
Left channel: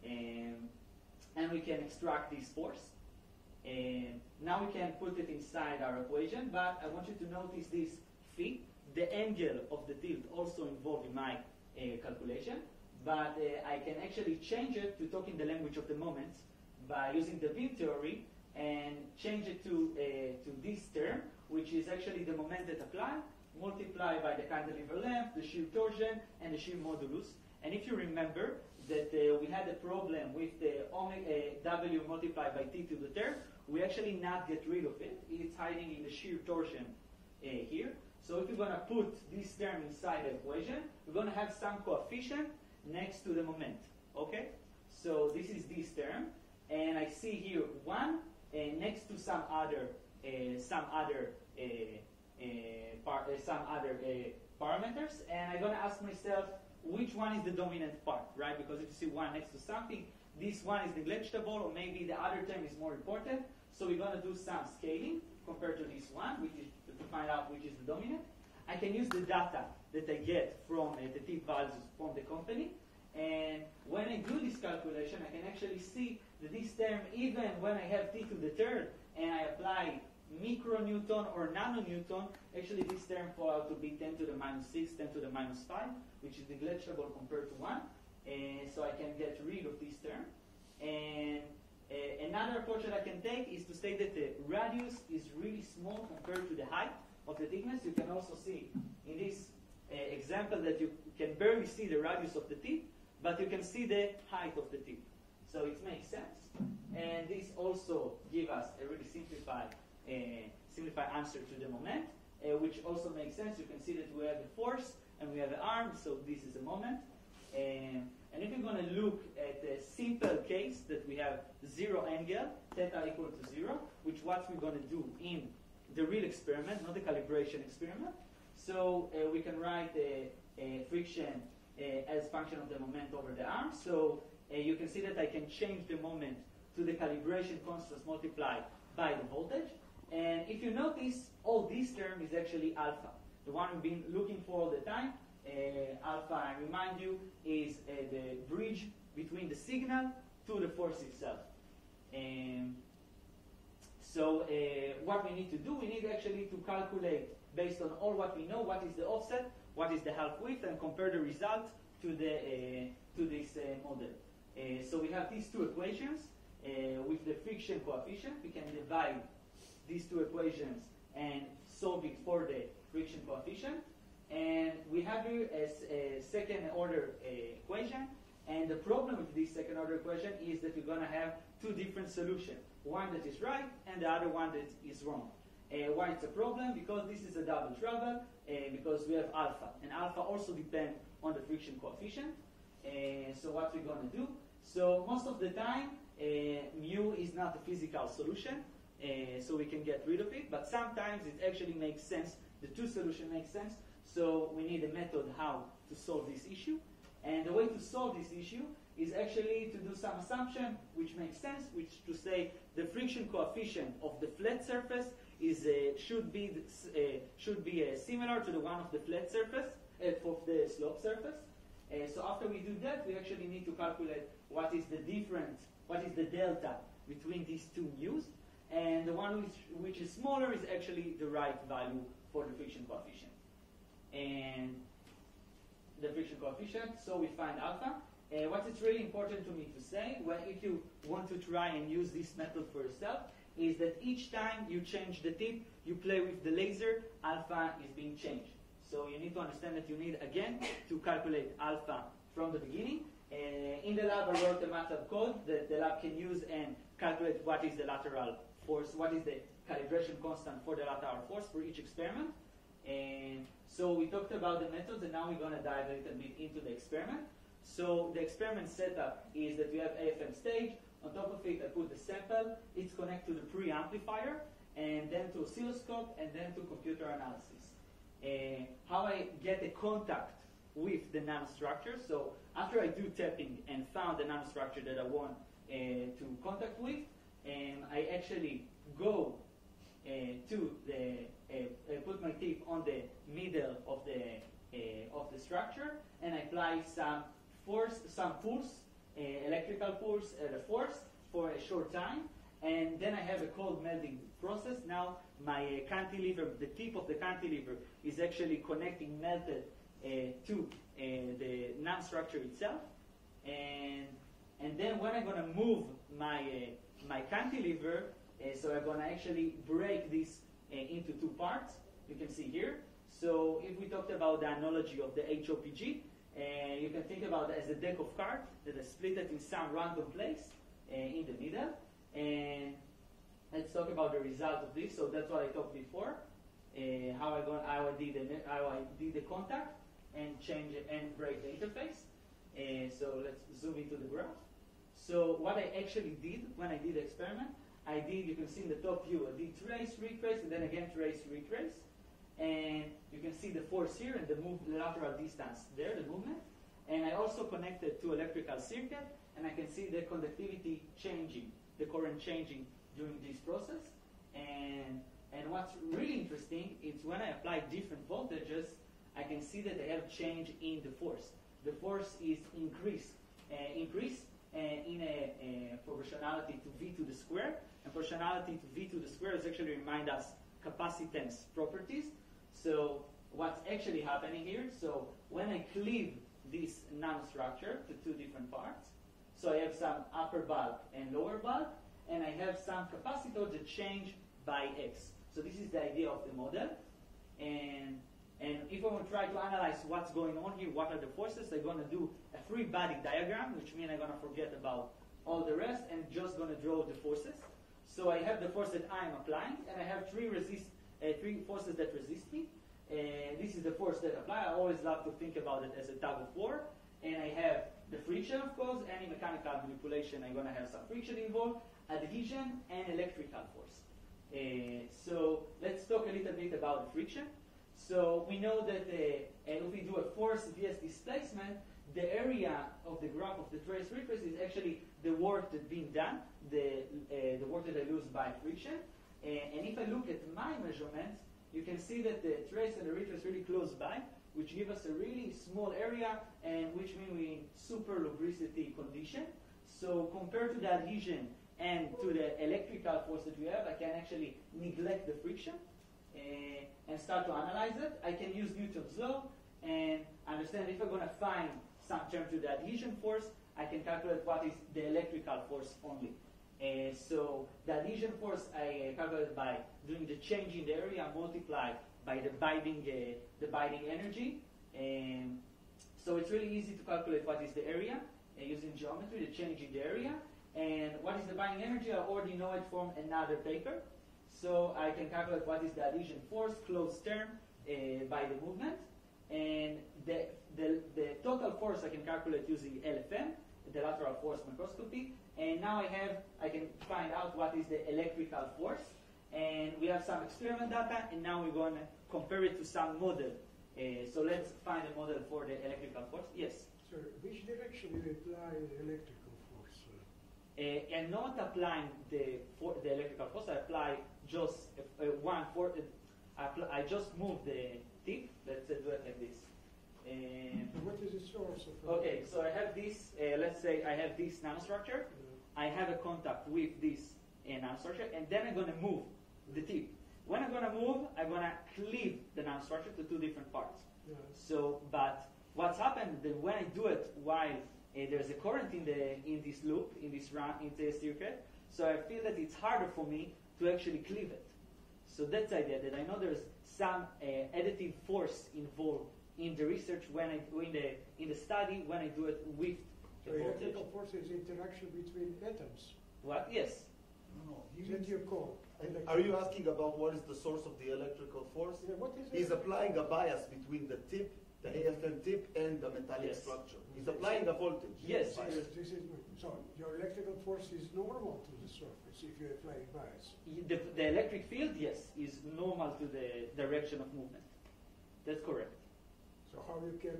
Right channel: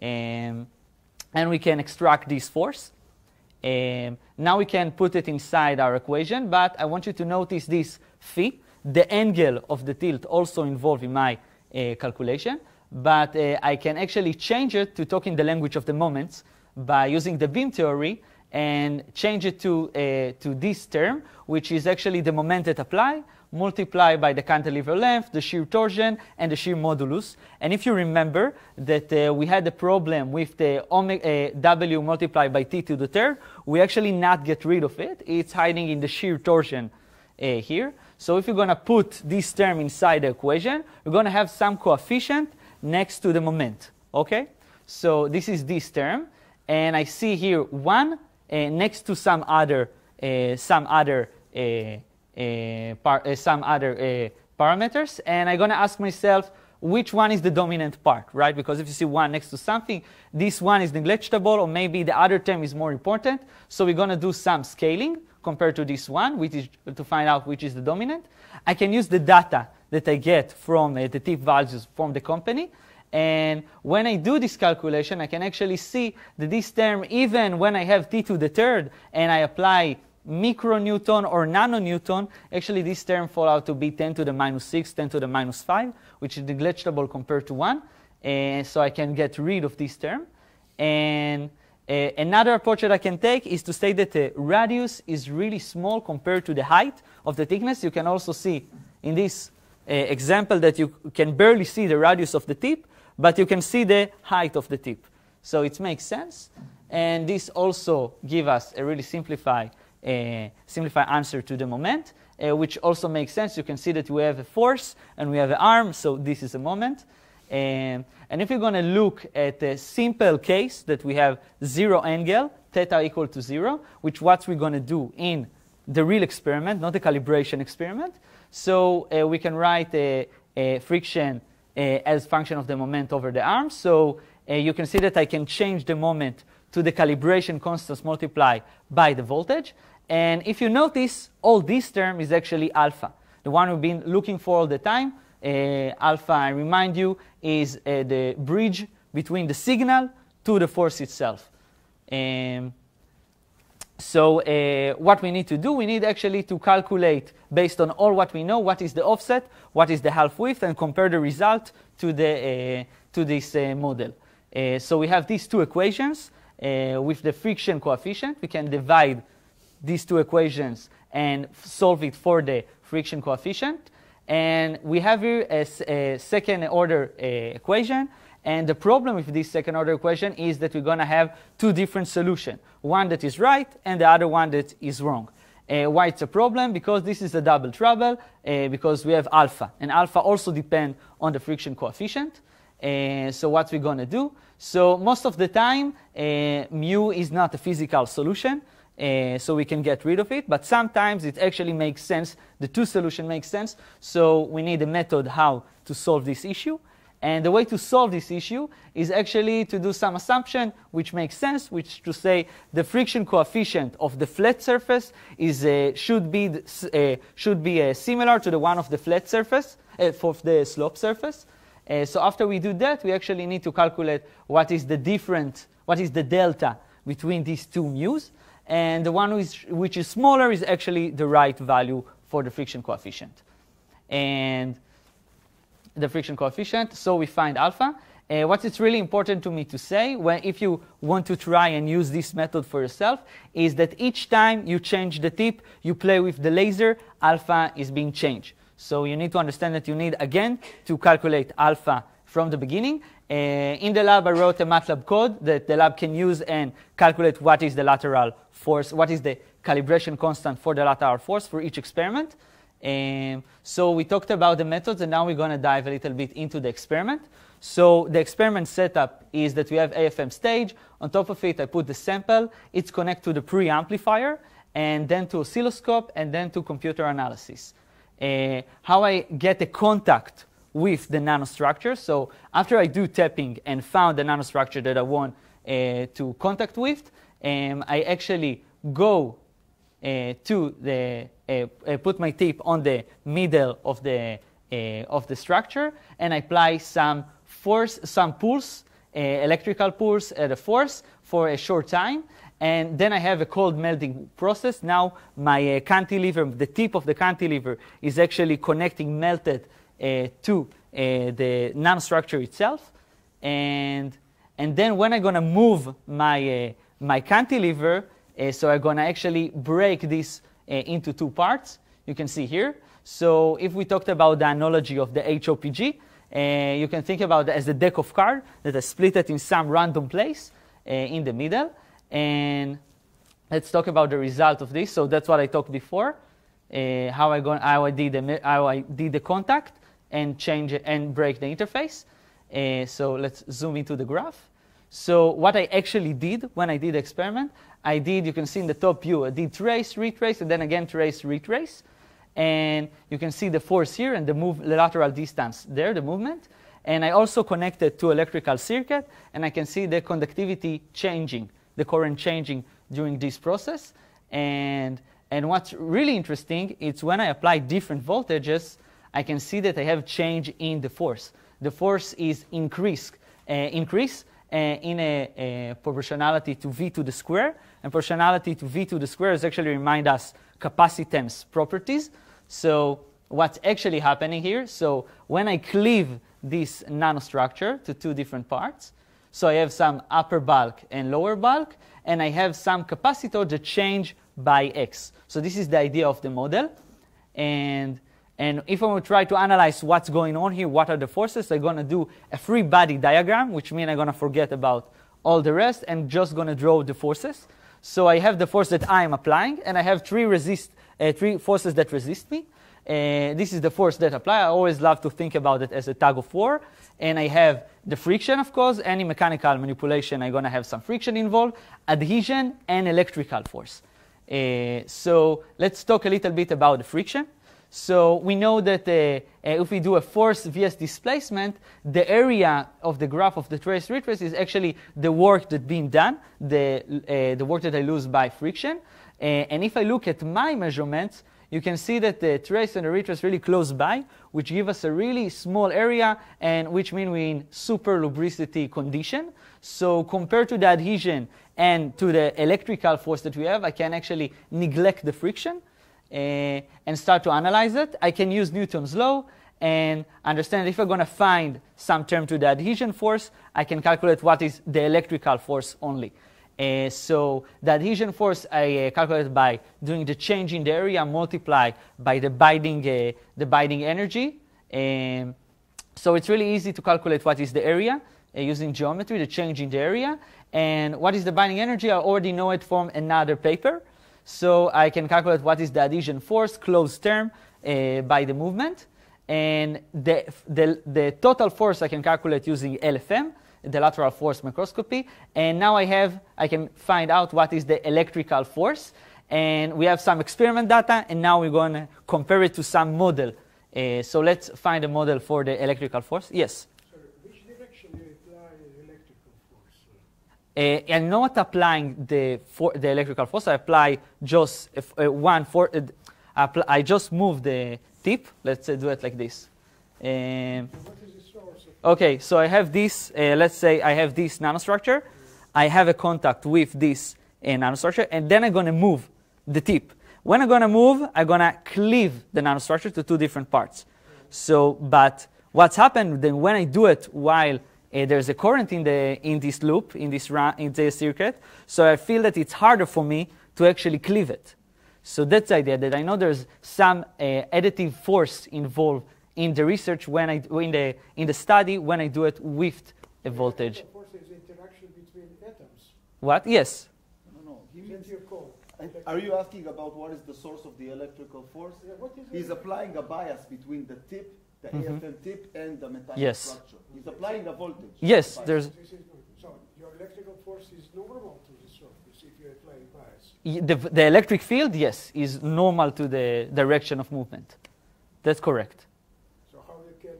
And we can extract this force. Now we can put it inside our equation. But I want you to notice this phi, the angle of the tilt also involved in my calculation. But I can actually change it to talk in the language of the moments by using the beam theory and change it to this term, which is actually the moment that apply multiplied by the cantilever length, the shear torsion, and the shear modulus. And if you remember that we had a problem with the W multiplied by T to the third, we actually not get rid of it. It's hiding in the shear torsion here. So if you're going to put this term inside the equation, we're going to have some coefficient next to the moment. Okay? So this is this term. And I see here 1 next to some other parameters, and I'm going to ask myself which one is the dominant part, right? Because if you see 1 next to something, this one is negligible, or maybe the other term is more important. So we're going to do some scaling compared to this one, which is to find out which is the dominant. I can use the data that I get from the tip values from the company. And when I do this calculation, I can actually see that this term, even when I have T to the third and I apply micronewton or nanonewton, actually this term falls out to be 10 to the minus 6, 10 to the minus 5, which is negligible compared to 1. And so I can get rid of this term. And another approach that I can take is to say that the radius is really small compared to the height of the thickness. You can also see in this example that you can barely see the radius of the tip, but you can see the height of the tip. So it makes sense. And this also gives us a really simplified answer to the moment, which also makes sense. You can see that we have a force and we have an arm, so this is a moment. And if you're going to look at a simple case that we have 0 angle, theta equal to 0, which what we're going to do in the real experiment, not the calibration experiment. So we can write a friction as function of the moment over the arm. So you can see that I can change the moment to the calibration constants multiplied by the voltage. And if you notice, all this term is actually alpha, the one we've been looking for all the time. Alpha, I remind you, is the bridge between the signal to the force itself. So what we need to do, we need actually to calculate, based on all what we know, what is the offset, what is the half width, and compare the result to this model. So we have these two equations with the friction coefficient. We can divide these two equations and solve it for the friction coefficient. And we have here a second order equation. And the problem with this second order equation is that we're going to have two different solutions. One that is right and the other one that is wrong. Why it's a problem? Because this is a double trouble, because we have alpha. And alpha also depends on the friction coefficient. So what we're going to do? So most of the time, mu is not a physical solution. So we can get rid of it. But sometimes it actually makes sense. The two solutions make sense. So we need a method how to solve this issue. And the way to solve this issue is actually to do some assumption which makes sense, which to say the friction coefficient of the flat surface is should be similar to the one of the flat surface for the slope surface. So after we do that, we actually need to calculate what is the delta between these two mu's, and the one which is smaller is actually the right value for the friction coefficient. And the friction coefficient, so we find alpha. What is really important to me to say, if you want to try and use this method for yourself, is that each time you change the tip, you play with the laser, alpha is being changed. So you need to understand that you need, again, to calculate alpha from the beginning. In the lab, I wrote a MATLAB code that the lab can use and calculate what is the lateral force, what is the calibration constant for the lateral force for each experiment. So we talked about the methods, and now we're going to dive a little bit into the experiment. So the experiment setup is that we have AFM stage. On top of it, I put the sample. It's connected to the preamplifier, and then to oscilloscope, and then to computer analysis. How I get a contact with the nanostructure. So after I do tapping and found the nanostructure that I want to contact with, I actually go to the put my tip on the middle of the structure, and I apply some force, some pulse, electrical pulse at a force for a short time, and then I have a cold melting process. Now my cantilever, the tip of the cantilever, is actually connecting melted to the nanostructure itself, and then when I'm going to move my cantilever, so I'm going to actually break this into two parts. You can see here. So if we talked about the analogy of the HOPG, you can think about it as a deck of cards that is split it in some random place in the middle. And let's talk about the result of this. So that's what I talked before, how I did the contact and change it and break the interface. So let's zoom into the graph. So what I actually did when I did the experiment, you can see in the top view, I did trace, retrace, and then again trace, retrace. And you can see the force here and the lateral distance there, the movement. And I also connected to electrical circuit, and I can see the conductivity changing, the current changing during this process. And what's really interesting is when I apply different voltages, I can see that I have change in the force. The force is increase in a proportionality to V to the square. And proportionality to V to the square is actually remind us capacitance properties. So what's actually happening here, so when I cleave this nanostructure to two different parts, so I have some upper bulk and lower bulk, and I have some capacitor that change by X. So this is the idea of the model. And if I will try to analyze what's going on here, what are the forces, I'm going to do a free body diagram, which means I'm going to forget about all the rest and just going to draw the forces. So I have the force that I am applying, and I have three forces that resist me. This is the force that apply. I always love to think about it as a tug of war. And I have the friction, of course. Any mechanical manipulation, I'm going to have some friction involved, adhesion, and electrical force. So let's talk a little bit about the friction. So we know that if we do a force vs displacement, the area of the graph of the trace retrace is actually the work that's being done, the work that I lose by friction. And if I look at my measurements, you can see that the trace and the retrace really close by, which give us a really small area, and which means we're in super lubricity condition. So compared to the adhesion and to the electrical force that we have, I can actually neglect the friction and start to analyze it. I can use Newton's law and understand if I'm going to find some term to the adhesion force, I can calculate what is the electrical force only. So the adhesion force I calculate by doing the change in the area multiplied by the binding energy. So it's really easy to calculate what is the area using geometry, the change in the area. And what is the binding energy? I already know it from another paper. So I can calculate what is the adhesion force, closed term, by the movement. And the total force I can calculate using LFM, the lateral force microscopy. And now I can find out what is the electrical force. And we have some experiment data, and now we're going to compare it to some model. So let's find a model for the electrical force. Yes? So which direction do you apply the electrical force? I'm not applying the electrical force. I apply just I just move the tip. Let's do it like this. What is the source of Okay, so I have this. Let's say I have this nanostructure. I have a contact with this nanostructure, and then I'm going to move the tip. When I'm going to move, I'm going to cleave the nanostructure to two different parts. So, but what's happened then when I do it while there's a current in this loop, in this circuit, so I feel that it's harder for me to actually cleave it. So that's the idea, that I know there's some additive force involved in the research in the study when I do it with a voltage. electrical force is interaction between atoms? What? Yes. No. Is that your call? Are you asking about what is the source of the electrical force? Yeah, what is He's it? applying a bias between the tip, the AFM tip, and the metallic Yes. structure. He's applying a voltage. Yes, Bias. there's So your electrical force is normal to the surface if you apply a bias. the electric field. Yes, is normal to the direction of movement. That's correct. So how you can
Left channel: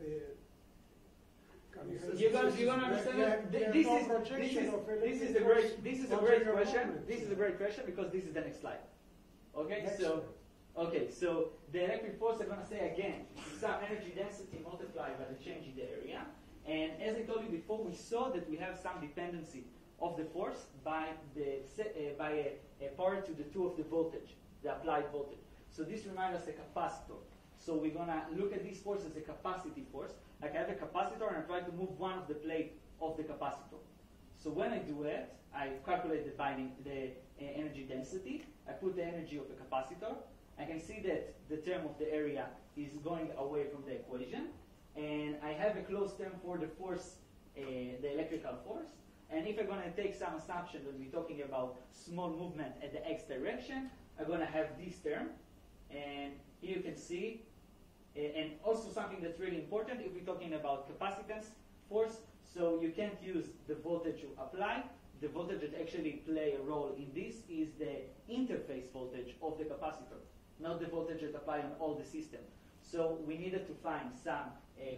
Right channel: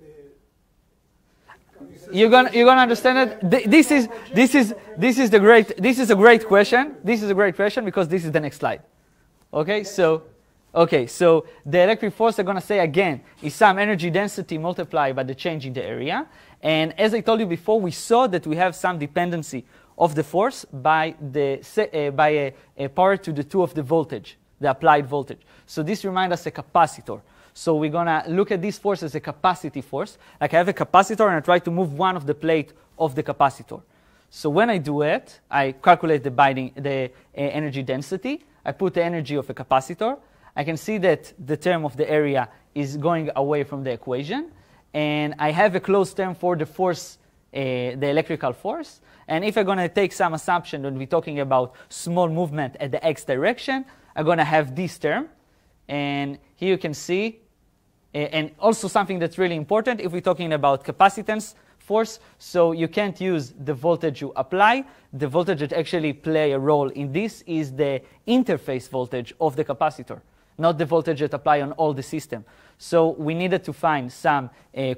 You're gonna understand it. This is a great question. This is a great question because this is the next slide. Okay, so the electric force I'm gonna say again is some energy density multiplied by the change in the area. And as I told you before, we saw that we have some dependency of the force by a power to the 2 of the voltage, the applied voltage. So this reminds us a capacitor. So we're going to look at this force as a capacity force. Like I have a capacitor and I try to move one of the plate of the capacitor. So when I do it, I calculate the energy density. I put the energy of a capacitor. I can see that the term of the area is going away from the equation. And I have a closed term for the force, the electrical force. And if I'm going to take some assumption when we're talking about small movement at the x direction, I'm going to have this term. And here you can see, and also something that's really important if we're talking about capacitance force, so you can't use the voltage you apply. The voltage that actually play a role in this is the interface voltage of the capacitor, not the voltage that apply on all the system. So we needed to find some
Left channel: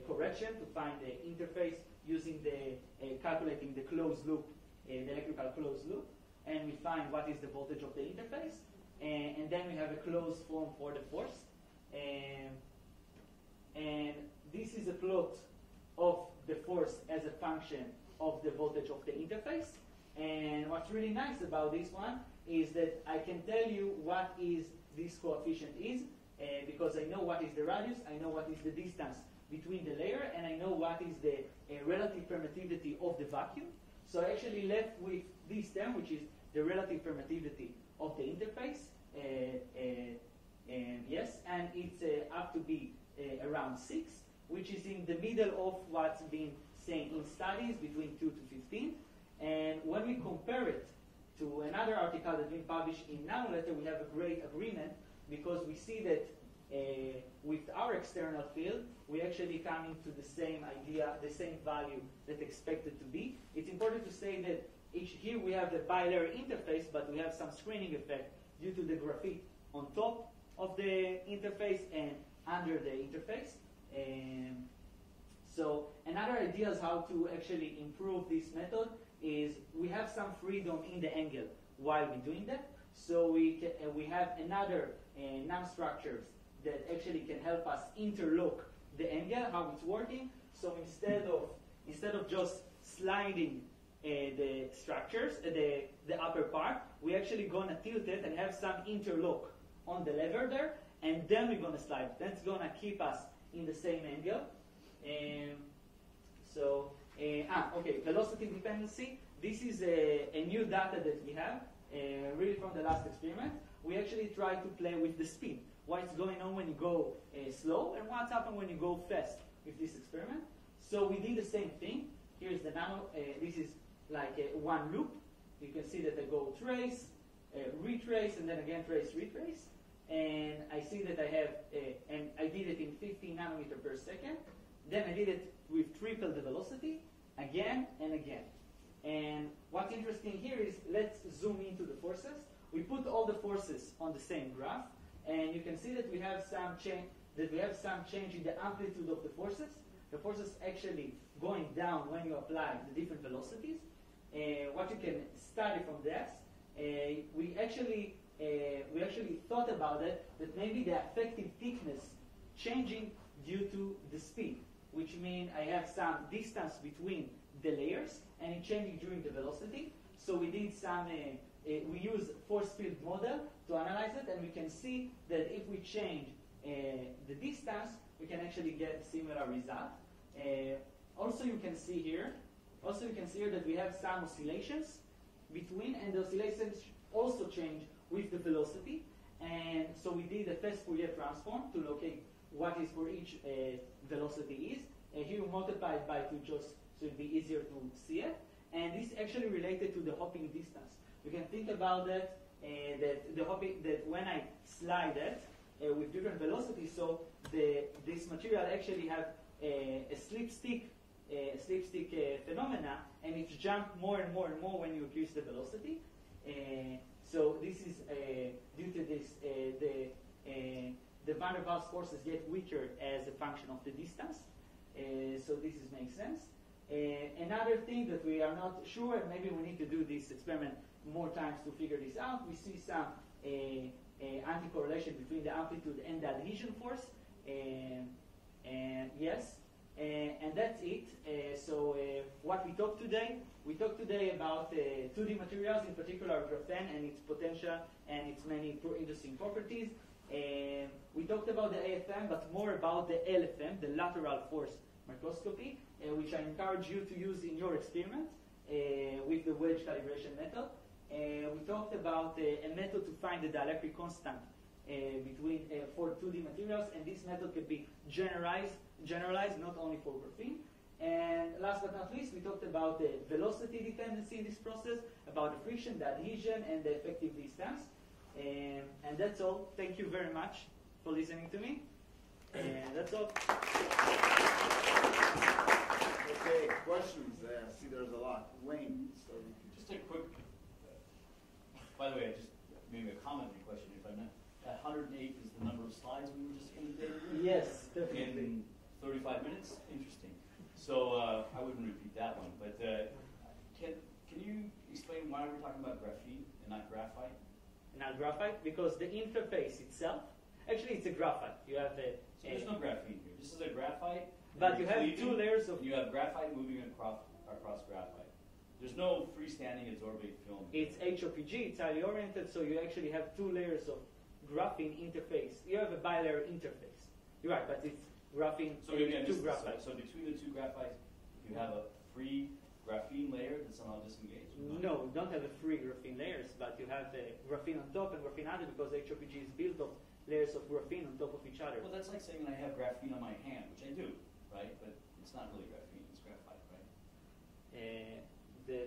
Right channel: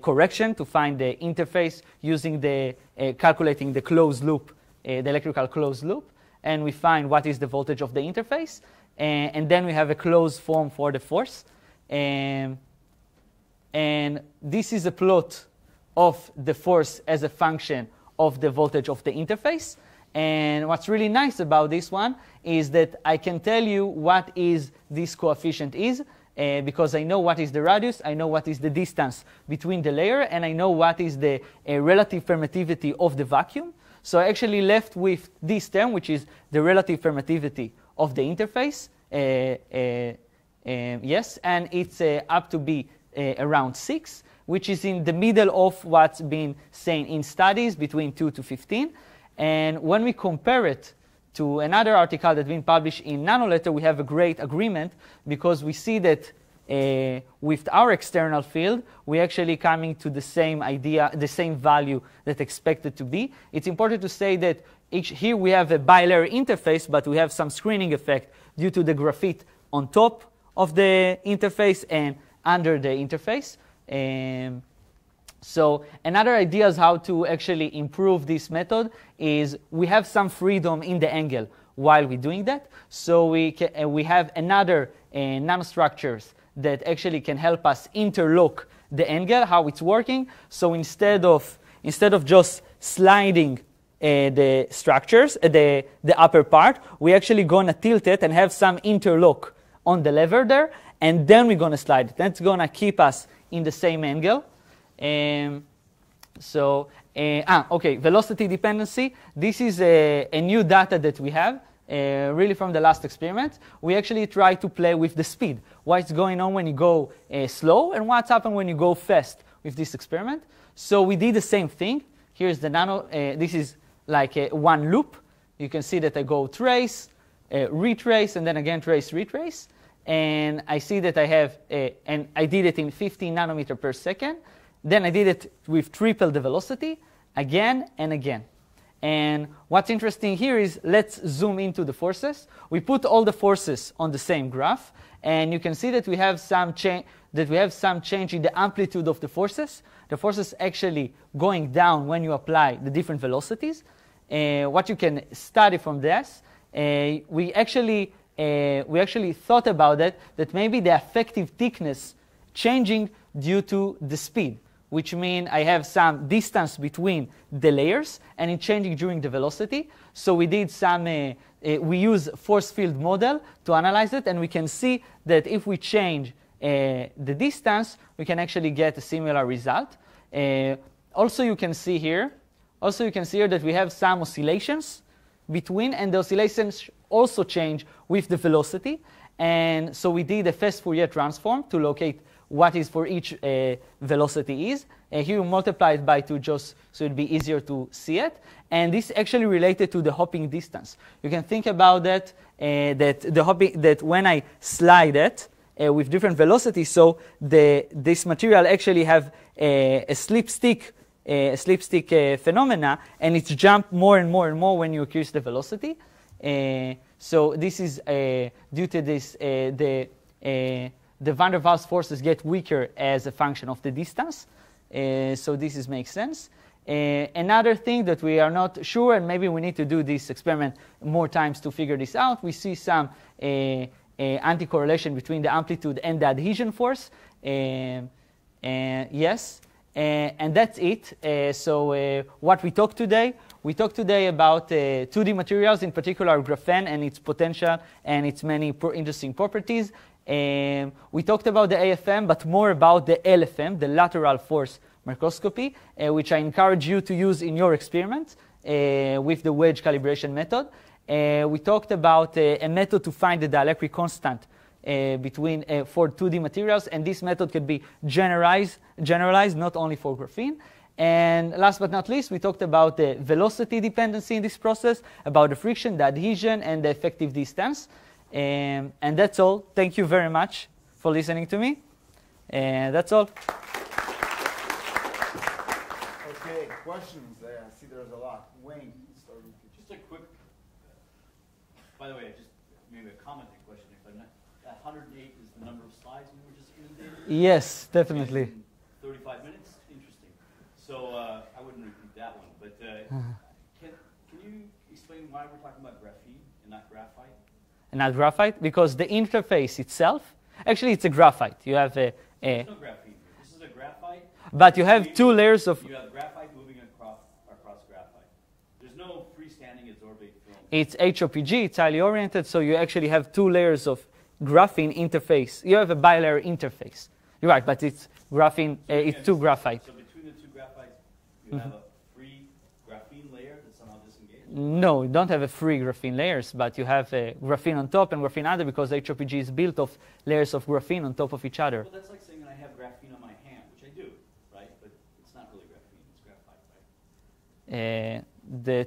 correction to find the interface using the calculating the closed loop, the electrical closed loop, and we find what is the voltage of the interface, and then we have a closed form for the force, and this is a plot of the force as a function of the voltage of the interface. And what's really nice about this one is that I can tell you what is this coefficient is, because I know what is the radius, I know what is the distance between the layer, and I know what is the relative permittivity of the vacuum. So I actually left with this term, which is the relative permittivity of the interface. Yes, and it's up to be around 6, which is in the middle of what's been saying in studies between 2 to 15. And when we compare it to another article that's been published in Nanoletter, we have a great agreement, because we see that with our external field, we're actually coming to the same idea, the same value that expected to be. It's important to say that here we have a bilayer interface, but we have some screening effect due to the graphite on top of the interface and under the interface. So another idea is how to actually improve this method is we have some freedom in the angle while we're doing that. So we have another nanostructures that actually can help us interlock the angle, how it's working. So instead of just sliding the structures, the upper part, we're actually going to tilt it and have some interlock on the lever there, and then we're going to slide it. That's going to keep us in the same angle. Okay, velocity dependency. This is a new data that we have, really from the last experiment. We actually try to play with the speed. What's going on when you go slow, and what's happened when you go fast with this experiment. So we did the same thing. Here's the nano. This is like one loop. You can see that I go trace, retrace, and then again trace, retrace. And I see that I have, and I did it in 15 nanometer per second. Then I did it with triple the velocity, again and again. And what's interesting here is, let's zoom into the forces. We put all the forces on the same graph, and you can see that we have some change. In the amplitude of the forces. The forces actually going down when you apply the different velocities. What you can study from this, we actually thought about that maybe the effective thickness changing due to the speed, which means I have some distance between the layers, and it's changing during the velocity. So we did some, we use force field model to analyze it, and we can see that if we change the distance, we can actually get a similar result. Also, you can see here that we have some oscillations between, and the oscillations also change with the velocity. And so we did a fast Fourier transform to locate what is for each velocity is. Here we multiply it by 2 just so it'd be easier to see it. And this actually related to the hopping distance. You can think about that, that when I slide it with different velocities, so this material actually have a slipstick phenomena, and it's jump more and more and more when you increase the velocity. So this is due to this, the van der Waals forces get weaker as a function of the distance. So this makes sense. Another thing that we are not sure, and maybe we need to do this experiment more times to figure this out, we see some anti-correlation between the amplitude and the adhesion force. Yes, and that's it. So what we talked today about 2D materials, in particular graphene and its potential and its many interesting properties. We talked about the AFM, but more about the LFM, the lateral force microscopy, which I encourage you to use in your experiments with the wedge calibration method. We talked about a method to find the dielectric constant for 2D materials, and this method can be generalized not only for graphene. And last but not least, we talked about the velocity dependency in this process, about the friction, the adhesion, and the effective distance. And that's all. Thank you very much for listening to me. And that's all. Okay, questions there. I see there's a lot. Wayne. Just a quick, by the way, just maybe a commenting question if I may. That 108 is the number of slides we were just going to do? Yes, definitely. In 35 minutes? Interesting. So I wouldn't repeat that one, but can you explain why we're talking about graphene and not graphite? And not graphite? Because the interface itself, actually it's a graphite. You have a There's no graphene here. This is a graphite. but you have two layers of... You have graphite moving across graphite. There's no freestanding adsorbate film. It's HOPG, it's highly oriented, so you actually have two layers of graphene interface. You have a bilayer interface. You're right, but it's graphene, So it's two graphite. So between the two graphites, you have a free graphene layer that's somehow disengaged? No, you don't have a free graphene layers, but you have a graphene on top and graphene under because HOPG is built of layers of graphene on top of each other. Well, that's like saying I have graphene on my hand, which I do, right? But it's not really graphene, it's graphite, right? The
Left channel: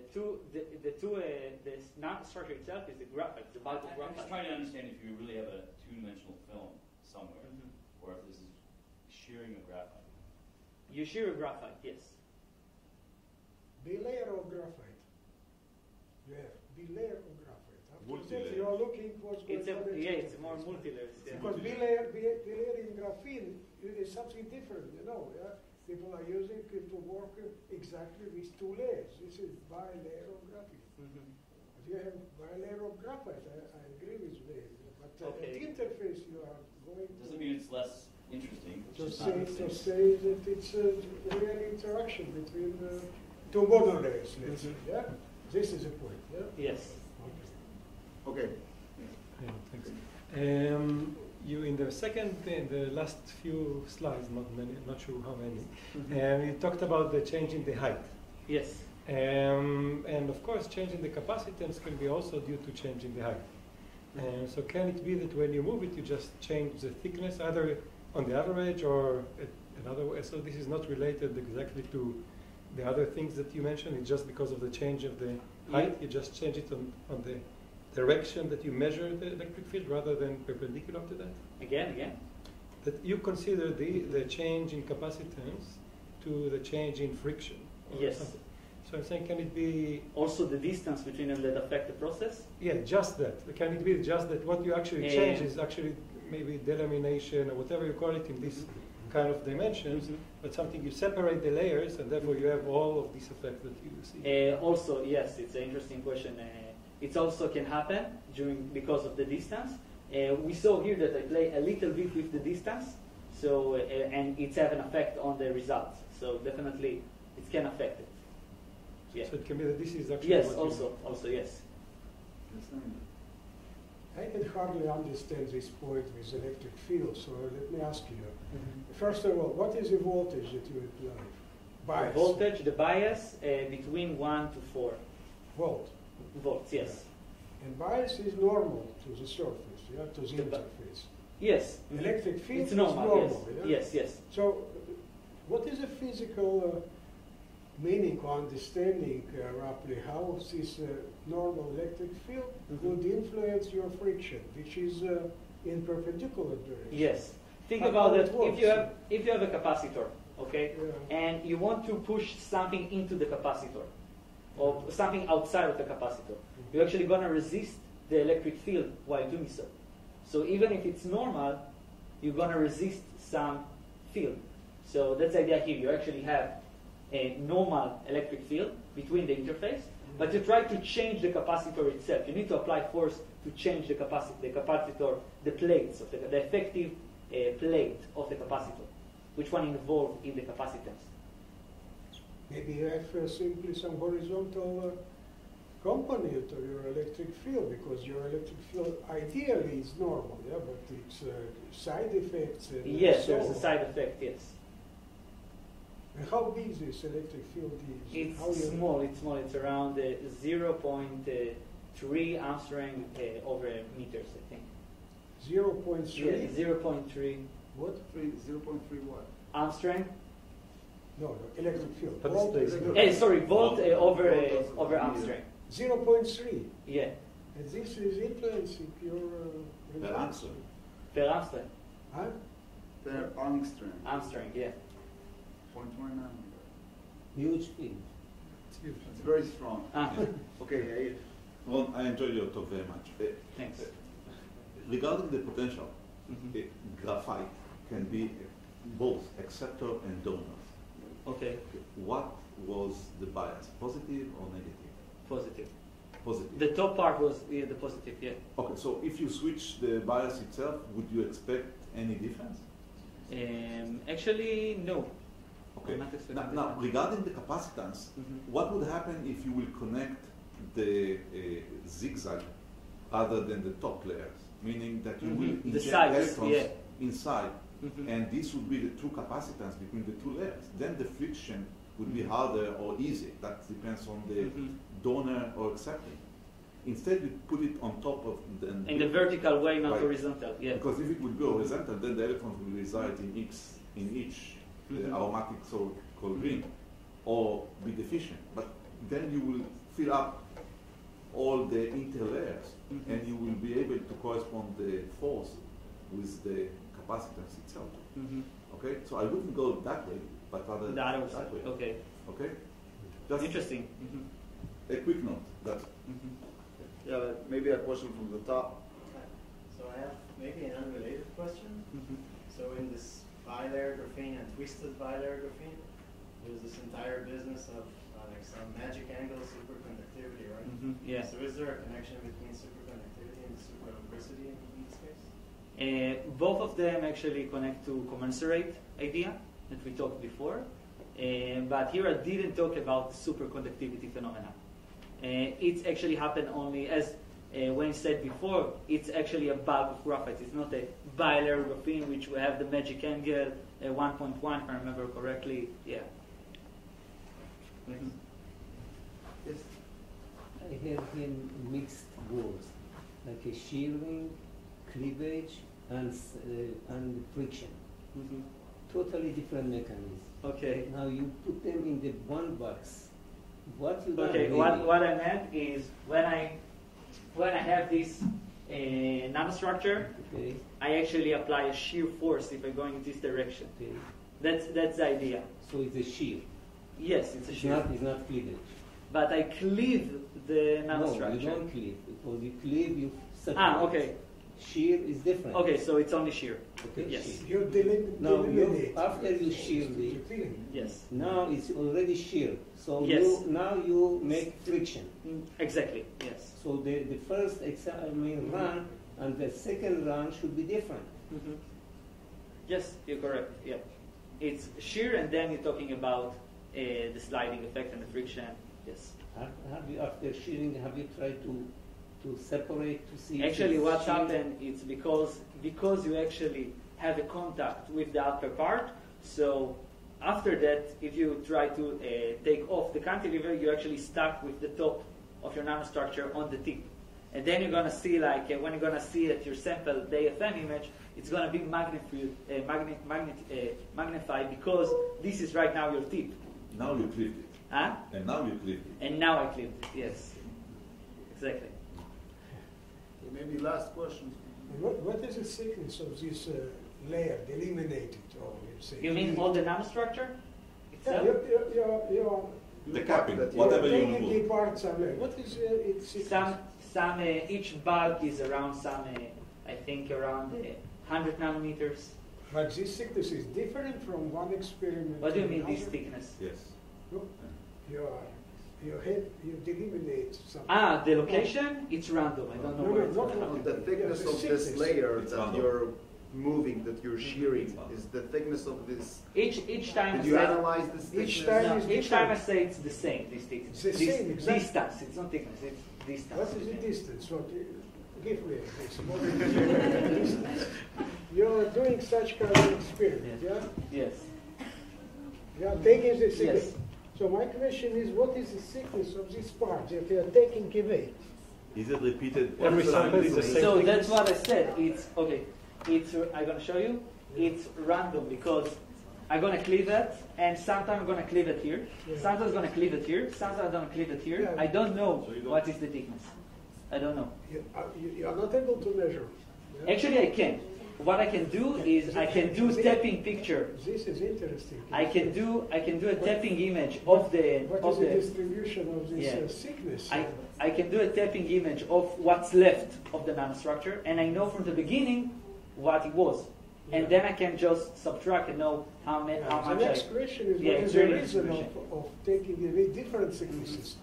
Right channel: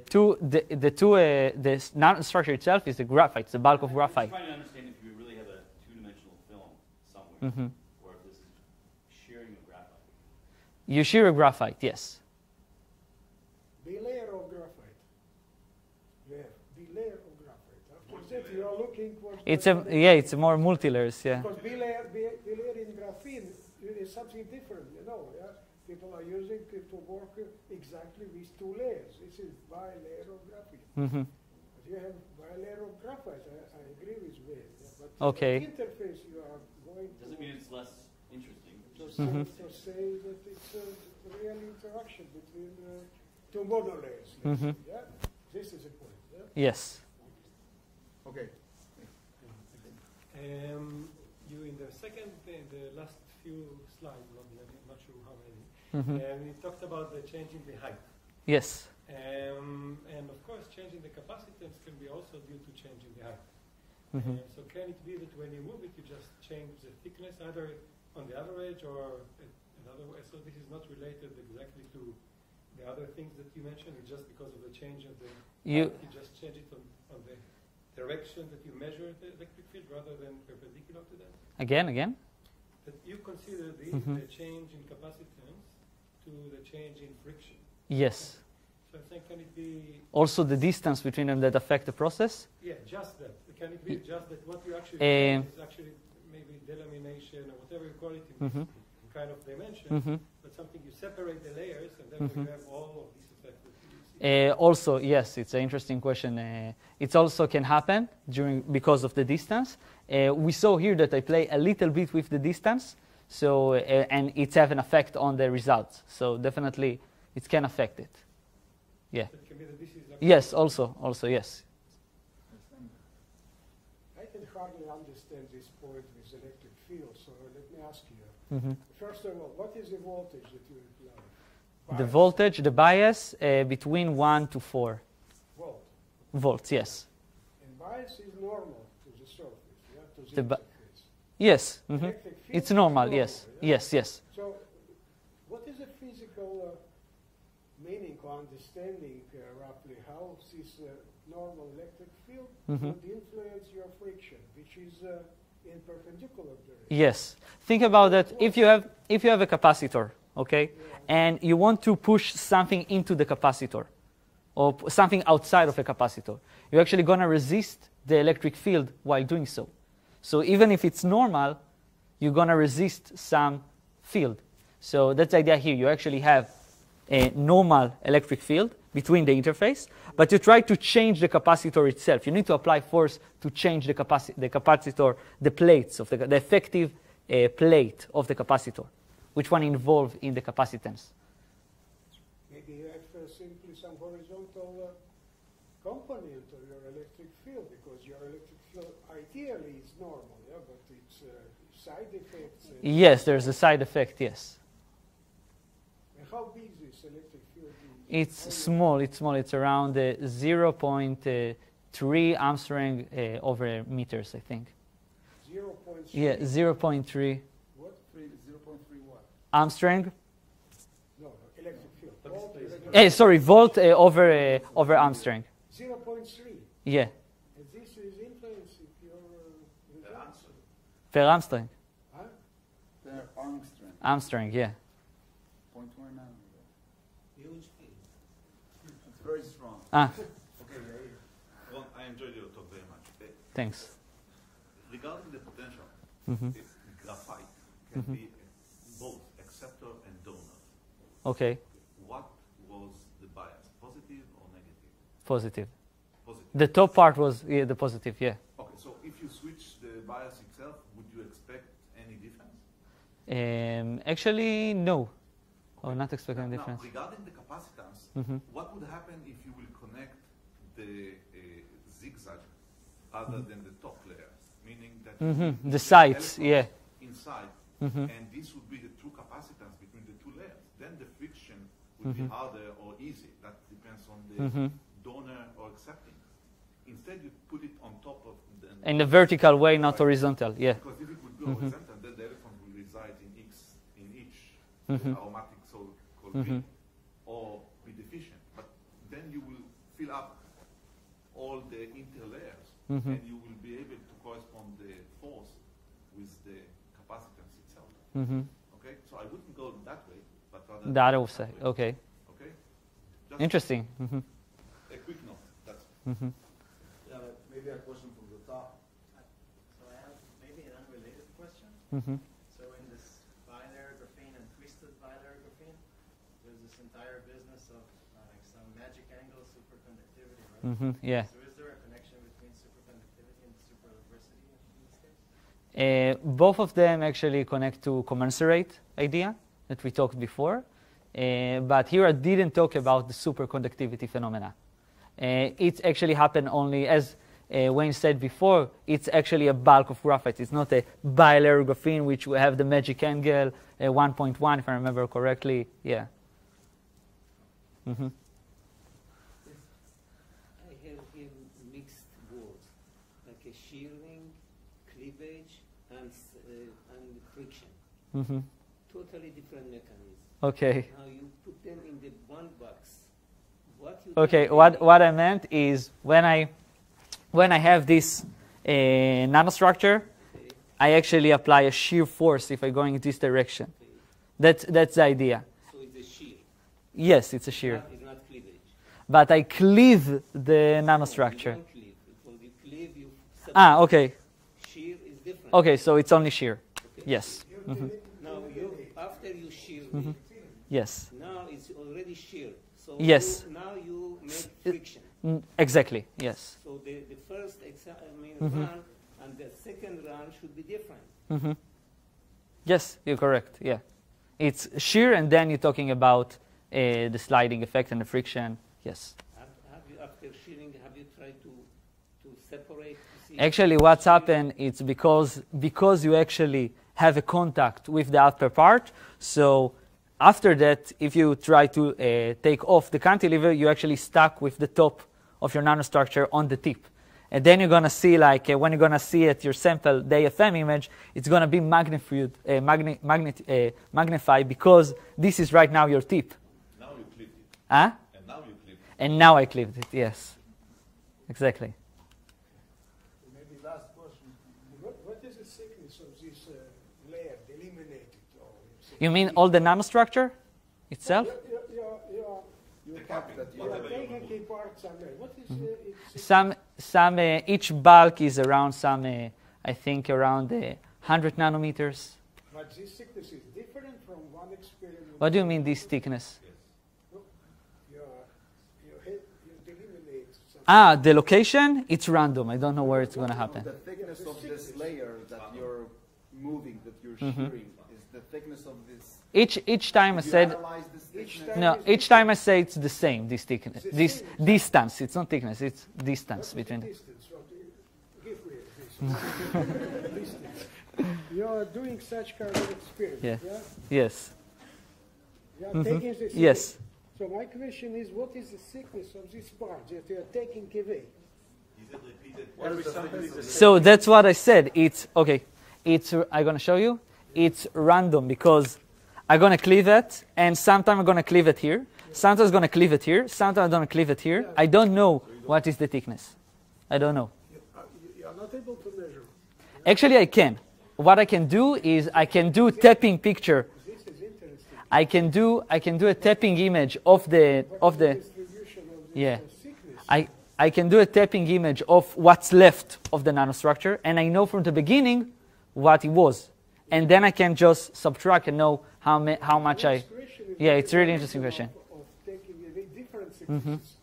nanostructure itself is the graphite, it's the bulk of graphite. I'm trying to understand if you really have a two-dimensional film somewhere, or if this is shearing of graphite. You shear a graphite, yes. Bilayer of graphite. Yeah, bilayer of graphite. After that, Multilayer. you are looking for... It's a more multi-layers, yeah. Because bilayer in graphene is something different, you know. Yeah? People are using it to work exactly with two layers. This is bilayer of graphene. But you have bilayer of graphite. I agree with you. But Okay. the interface you are going Doesn't mean it's less interesting. It's to just say that it's a real interaction between two model layers, let's say. Yeah? This is a point. Yeah? Yes. Okay. You in the last few slides, not sure how many, you talked about the change in the height. Yes. And of course, change in the capacitance can be also due to change in the height. So can it be that when you move it, you just change the thickness either on the other edge or another way? So this is not related exactly to the other things that you mentioned. It's just because of the change of the height. You just change it on the direction that you measure the electric field rather than perpendicular to that? Again? That you consider the change in capacitance to the change in friction. Yes. Okay. So I'm saying, can it be... Also the distance between them that affect the process? Yeah, just that. Can it be just that what you actually change is actually maybe delamination or whatever you call it in this kind of dimensions, but something you separate the layers and therefore you have all of this effect that you see? Also, yes, it's an interesting question. It also can happen because of the distance. We saw here that I play a little bit with the distance, so and it's have an effect on the results. So definitely, it can affect it. Yeah. So it can be that this is actually... Yes, also, yes. I can hardly understand this point with electric field, so let me ask you. First of all, what is the voltage that you apply? The Bias. voltage, the bias, between 1 to 4 volts, yes. And bias is normal to the surface, yeah, to the interface. Yes. Electric field It's is normal, yes. yeah? Yes. So, what is the physical meaning or understanding roughly how this normal electric field would influence your friction, which is in perpendicular direction? Yes. Think about that. If you have a capacitor, okay, and you want to push something into the capacitor, or something outside of a capacitor, you're actually going to resist the electric field while doing so. So even if it's normal, you're going to resist some field. So that's the idea here. You actually have a normal electric field between the interface, but you try to change the capacitor itself. You need to apply force to change the capacitor, the plates of the effective plate of the capacitor, which one involved in the capacitance. Maybe you have simply some horizontal component of your electric field, because your electric field ideally is normal, yeah, but it's side effects. Yes, there's a side effect, yes. And how big this electric field is? It's small. It's around 0.3 Armstrong over meters, I think. 0.3. Yeah, 0.3 What? 0.3 what? Armstrong. No, electric field. But Volt, it's electric Sorry, volt over Armstrong. 0.3. Yeah, And this is influencing your... The answer. per Armstrong. Huh? The Armstrong. Armstrong, yeah. 0.1 nanometer. Huge field. It's very strong. Ah, Okay, Well, I enjoyed your talk very much. thanks. Regarding the potential, Mhm. graphite can Mhm. be both acceptor and donor. Okay, What was the bias, positive or negative? positive. Positive. The top part was the positive, yeah. Okay, so if you switch the bias itself, would you expect any difference? Actually, no. Okay. not expecting now, difference. Now, regarding the capacitance, Mhm. what would happen if you will connect the zigzag other than the top layers? Meaning that you will Mhm. The inject sides, electrons yeah. inside, Mhm. and this would be the true capacitance between the two layers. Then the friction would be Mhm. harder or easier. That depends on the Mhm. donor or acceptor. Instead, you put it on top of the... In a vertical way, not Right. horizontal, yeah. Because if it would go Mhm. horizontal, then the electrons will reside in each Mhm. aromatic so-called Mhm. ring, or be deficient. But then you will fill up all the interlayers, Mhm. and you will be able to correspond the force with the capacitance itself. Mhm. Okay, so I wouldn't go that way, but rather The other that side, way. okay. Okay, just Interesting. Mhm. a quick note. That's Mhm. yeah, maybe a question from the top. So I have maybe an unrelated question. Mhm. So in this bilayer graphene and twisted bilayer graphene, there's this entire business of like some magic angle superconductivity, right? Mhm. Yeah. So is there a connection between superconductivity and superlubricity in this case? Both of them actually connect to commensurate idea that we talked before. But here I didn't talk about the superconductivity phenomena. It's actually happened only, as Wayne said before, it's actually a bulk of graphite. It's not a bilayer graphene, which we have the magic angle 1.1, if I remember correctly. Yeah. Mhm. I have here mixed words, like a shearing, cleavage, and friction. Mhm. Totally different mechanisms. Okay. Now you put them in the one box. What you Okay. got really- What I meant is when I have this nanostructure, Okay, I actually apply a shear force if I go in this direction. okay. That's the idea. So it's a shear. Yes, it's a shear. It's not cleavage. But I cleave the No, nanostructure. you don't cleave, because you cleave, you Okay. shear is different. Okay, so it's only shear. Okay? Yes. You Mhm. Now, eliminate. after you shear Mhm. Yes. now it's already shear. So Yes. now you make friction. Exactly. Yes. So the first Mhm. run and the second run should be different. Mhm. Yes, you're correct. Yeah. It's shear, and then you're talking about the sliding effect and the friction. Yes. Have you, after shearing, have you tried to separate to see? Actually, if what's shear- happened is because you actually have a contact with the upper part. So after that, if you try to take off the cantilever, you're actually stuck with the top of your nanostructure on the tip. And then you're going to see, like, when you're going to see at your sample, the AFM image, it's going to be magnified because this is right now your tip. now you cleaved it, Huh? and now you cleaved it. And now I clipped it, yes. Exactly. Maybe last question. What is the thickness of this layer, delimited? Or say You mean all the nanostructure itself? You're The capping, that you- whatever you taking remove. apart some layer. What is its Some each bulk is around I think around 100 nanometers. But this thickness is different from one experiment. What do you to mean this another? thickness? Yes. You delimitate something. The location, it's random. I don't know where it's going to happen. The thickness of this layer It's that random. you're moving, that you're Mhm. shearing, is the thickness of this. Each time I Did you said analyze this Each thickness? time- no. Each time I say it's the same. This thickness, It's the this same, exactly. distance. It's not thickness. It's What distance is between. the distance? Give me this. What is the distance? You are doing such kind of experiment, Yeah. yeah? Yes. You are Mhm. taking this. Yes. So my question is, what is the thickness of this part that you are taking away? Is it repeated Every sample is the same. So that's what I said. It's okay. It's I'm gonna show you. It's random because I'm gonna cleave it, and sometimes I'm gonna cleave it here. Sometimes I'm gonna cleave it here. Sometimes I'm gonna cleave it here. I don't know what is the thickness. I don't know. You are not able to measure. Actually, I can. What I can do is I can do tapping picture. This is interesting. I can do a tapping image of the distribution of this thickness. I can do a tapping image of what's left of the nanostructure, and I know from the beginning what it was, and then I can just subtract and know how much I. Yeah, it's really interesting question. Of taking away different thicknesses,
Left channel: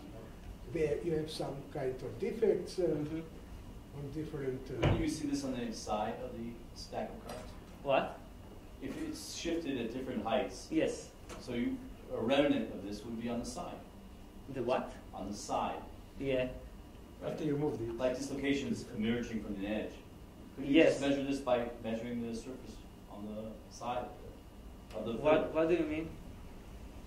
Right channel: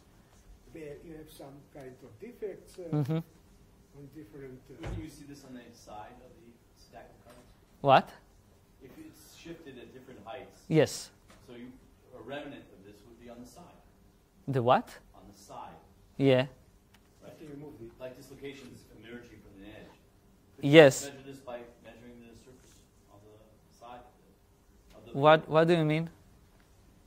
where you have some kind of defects on different. Can you see this on the side of the stack of cards? What? If it's shifted at different heights. Yes. So a remnant of this would be on the side. The what? On the side. Yeah. After you move the Like dislocations emerging from the edge. Could Yes. you measure this by measuring the surface on the side of the What do you mean?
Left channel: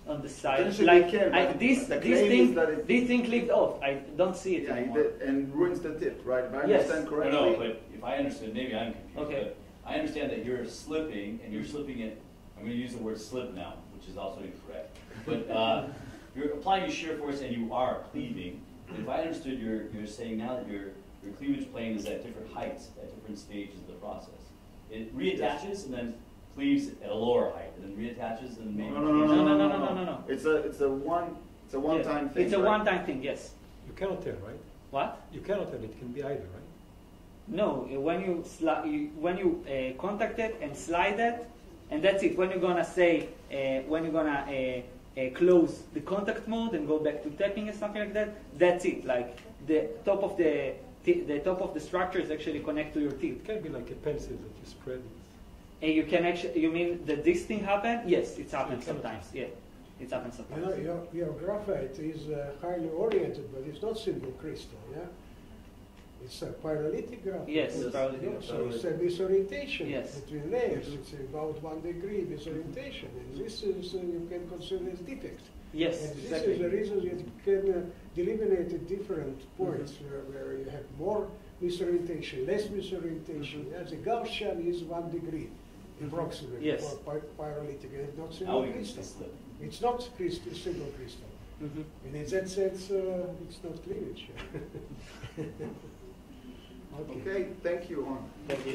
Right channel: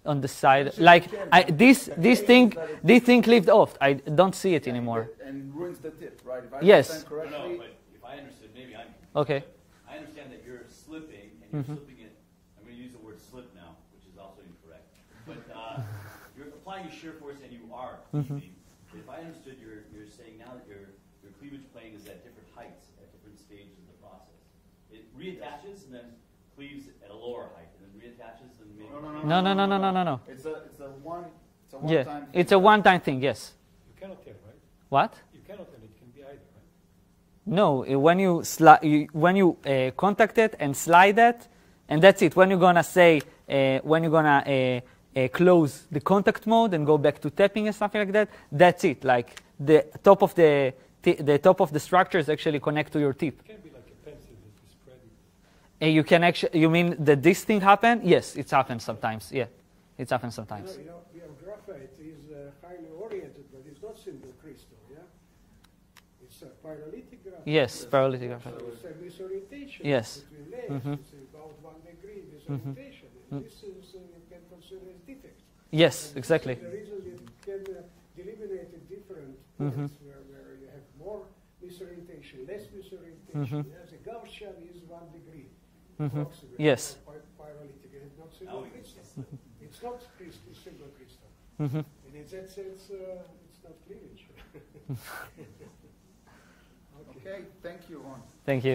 On the side, Potentially like you can, I, right? this The this claim thing is that it- this thing clipped off. I don't see it anymore. And ruins the tip, right? If I Yes. understand No, correctly. no, but if I understood, maybe I'm confused. Okay. But I understand that you're slipping, and you're slipping it. I'm going to use the word slip now, which is also incorrect. But you're applying a shear force, and you are cleaving. But if I understood, you're saying now that your cleavage plane is at different heights, at different stages of the process. It reattaches and then cleaves at a lower height, and then reattaches and maybe. No. It's a one Yeah, time. it's a one-time thing. Yes. you cannot tell, right? What? You cannot tell. It can be either, right? No. When you contact it and slide it, and that's it. When you're gonna say when you're gonna close the contact mode and go back to tapping and something like that, that's it. Like the top of the top of the structures actually connect to your tip. It can be like a pencil that you spread it. And you can actually, you mean that this thing happened? Yes, it happens sometimes. Yeah, it happens sometimes. You know, your graphite is highly oriented, but it's not simple crystal, yeah? It's a pyrolytic graphite. Yes, pyrolytic So graphite. it's a disorientation Yes. between layers. Mhm. It's about 1 degree disorientation. And this is, you can consider as defect. Yes, And exactly. This is the reason you can delineate the different points where you have more disorientation, less disorientation. Yeah, the Gaussian is 1 degree approximately Yes. for pyrolytic, and it's not Now simple we can crystal. slip. It's not crystal, simple crystal. And in that sense, it's not cleavage. Okay, thank you, Ron. Thank you.